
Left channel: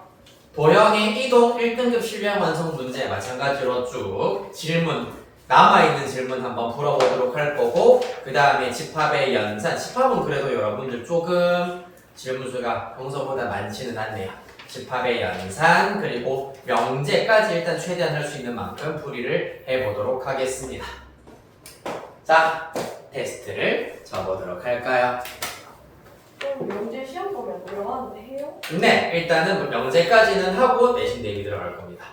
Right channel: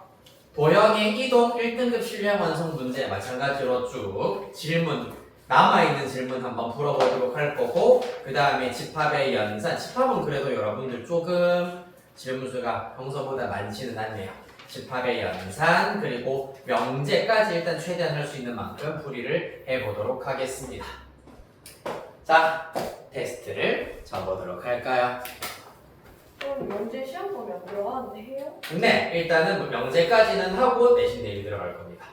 도형의 이동 1등급 실력 완성 문제 마찬가지로 쭉 질문 남아있는 질문 한번 풀어보도록 할 거고 그 다음에 집합의 연산 집합은 그래도 여러분들 조금 질문 수가 평소보다 많지는 않네요. 집합의 연산 그리고 명제까지 일단 최대한 할 수 있는 만큼 풀이를 해보도록 하겠습니다. 자, 테스트를 쳐보도록 할까요? 그럼 명제 시험 보면 어려워하는데 해요? 네, 일단은 명제까지는 하고 내신 대비 들어갈 겁니다.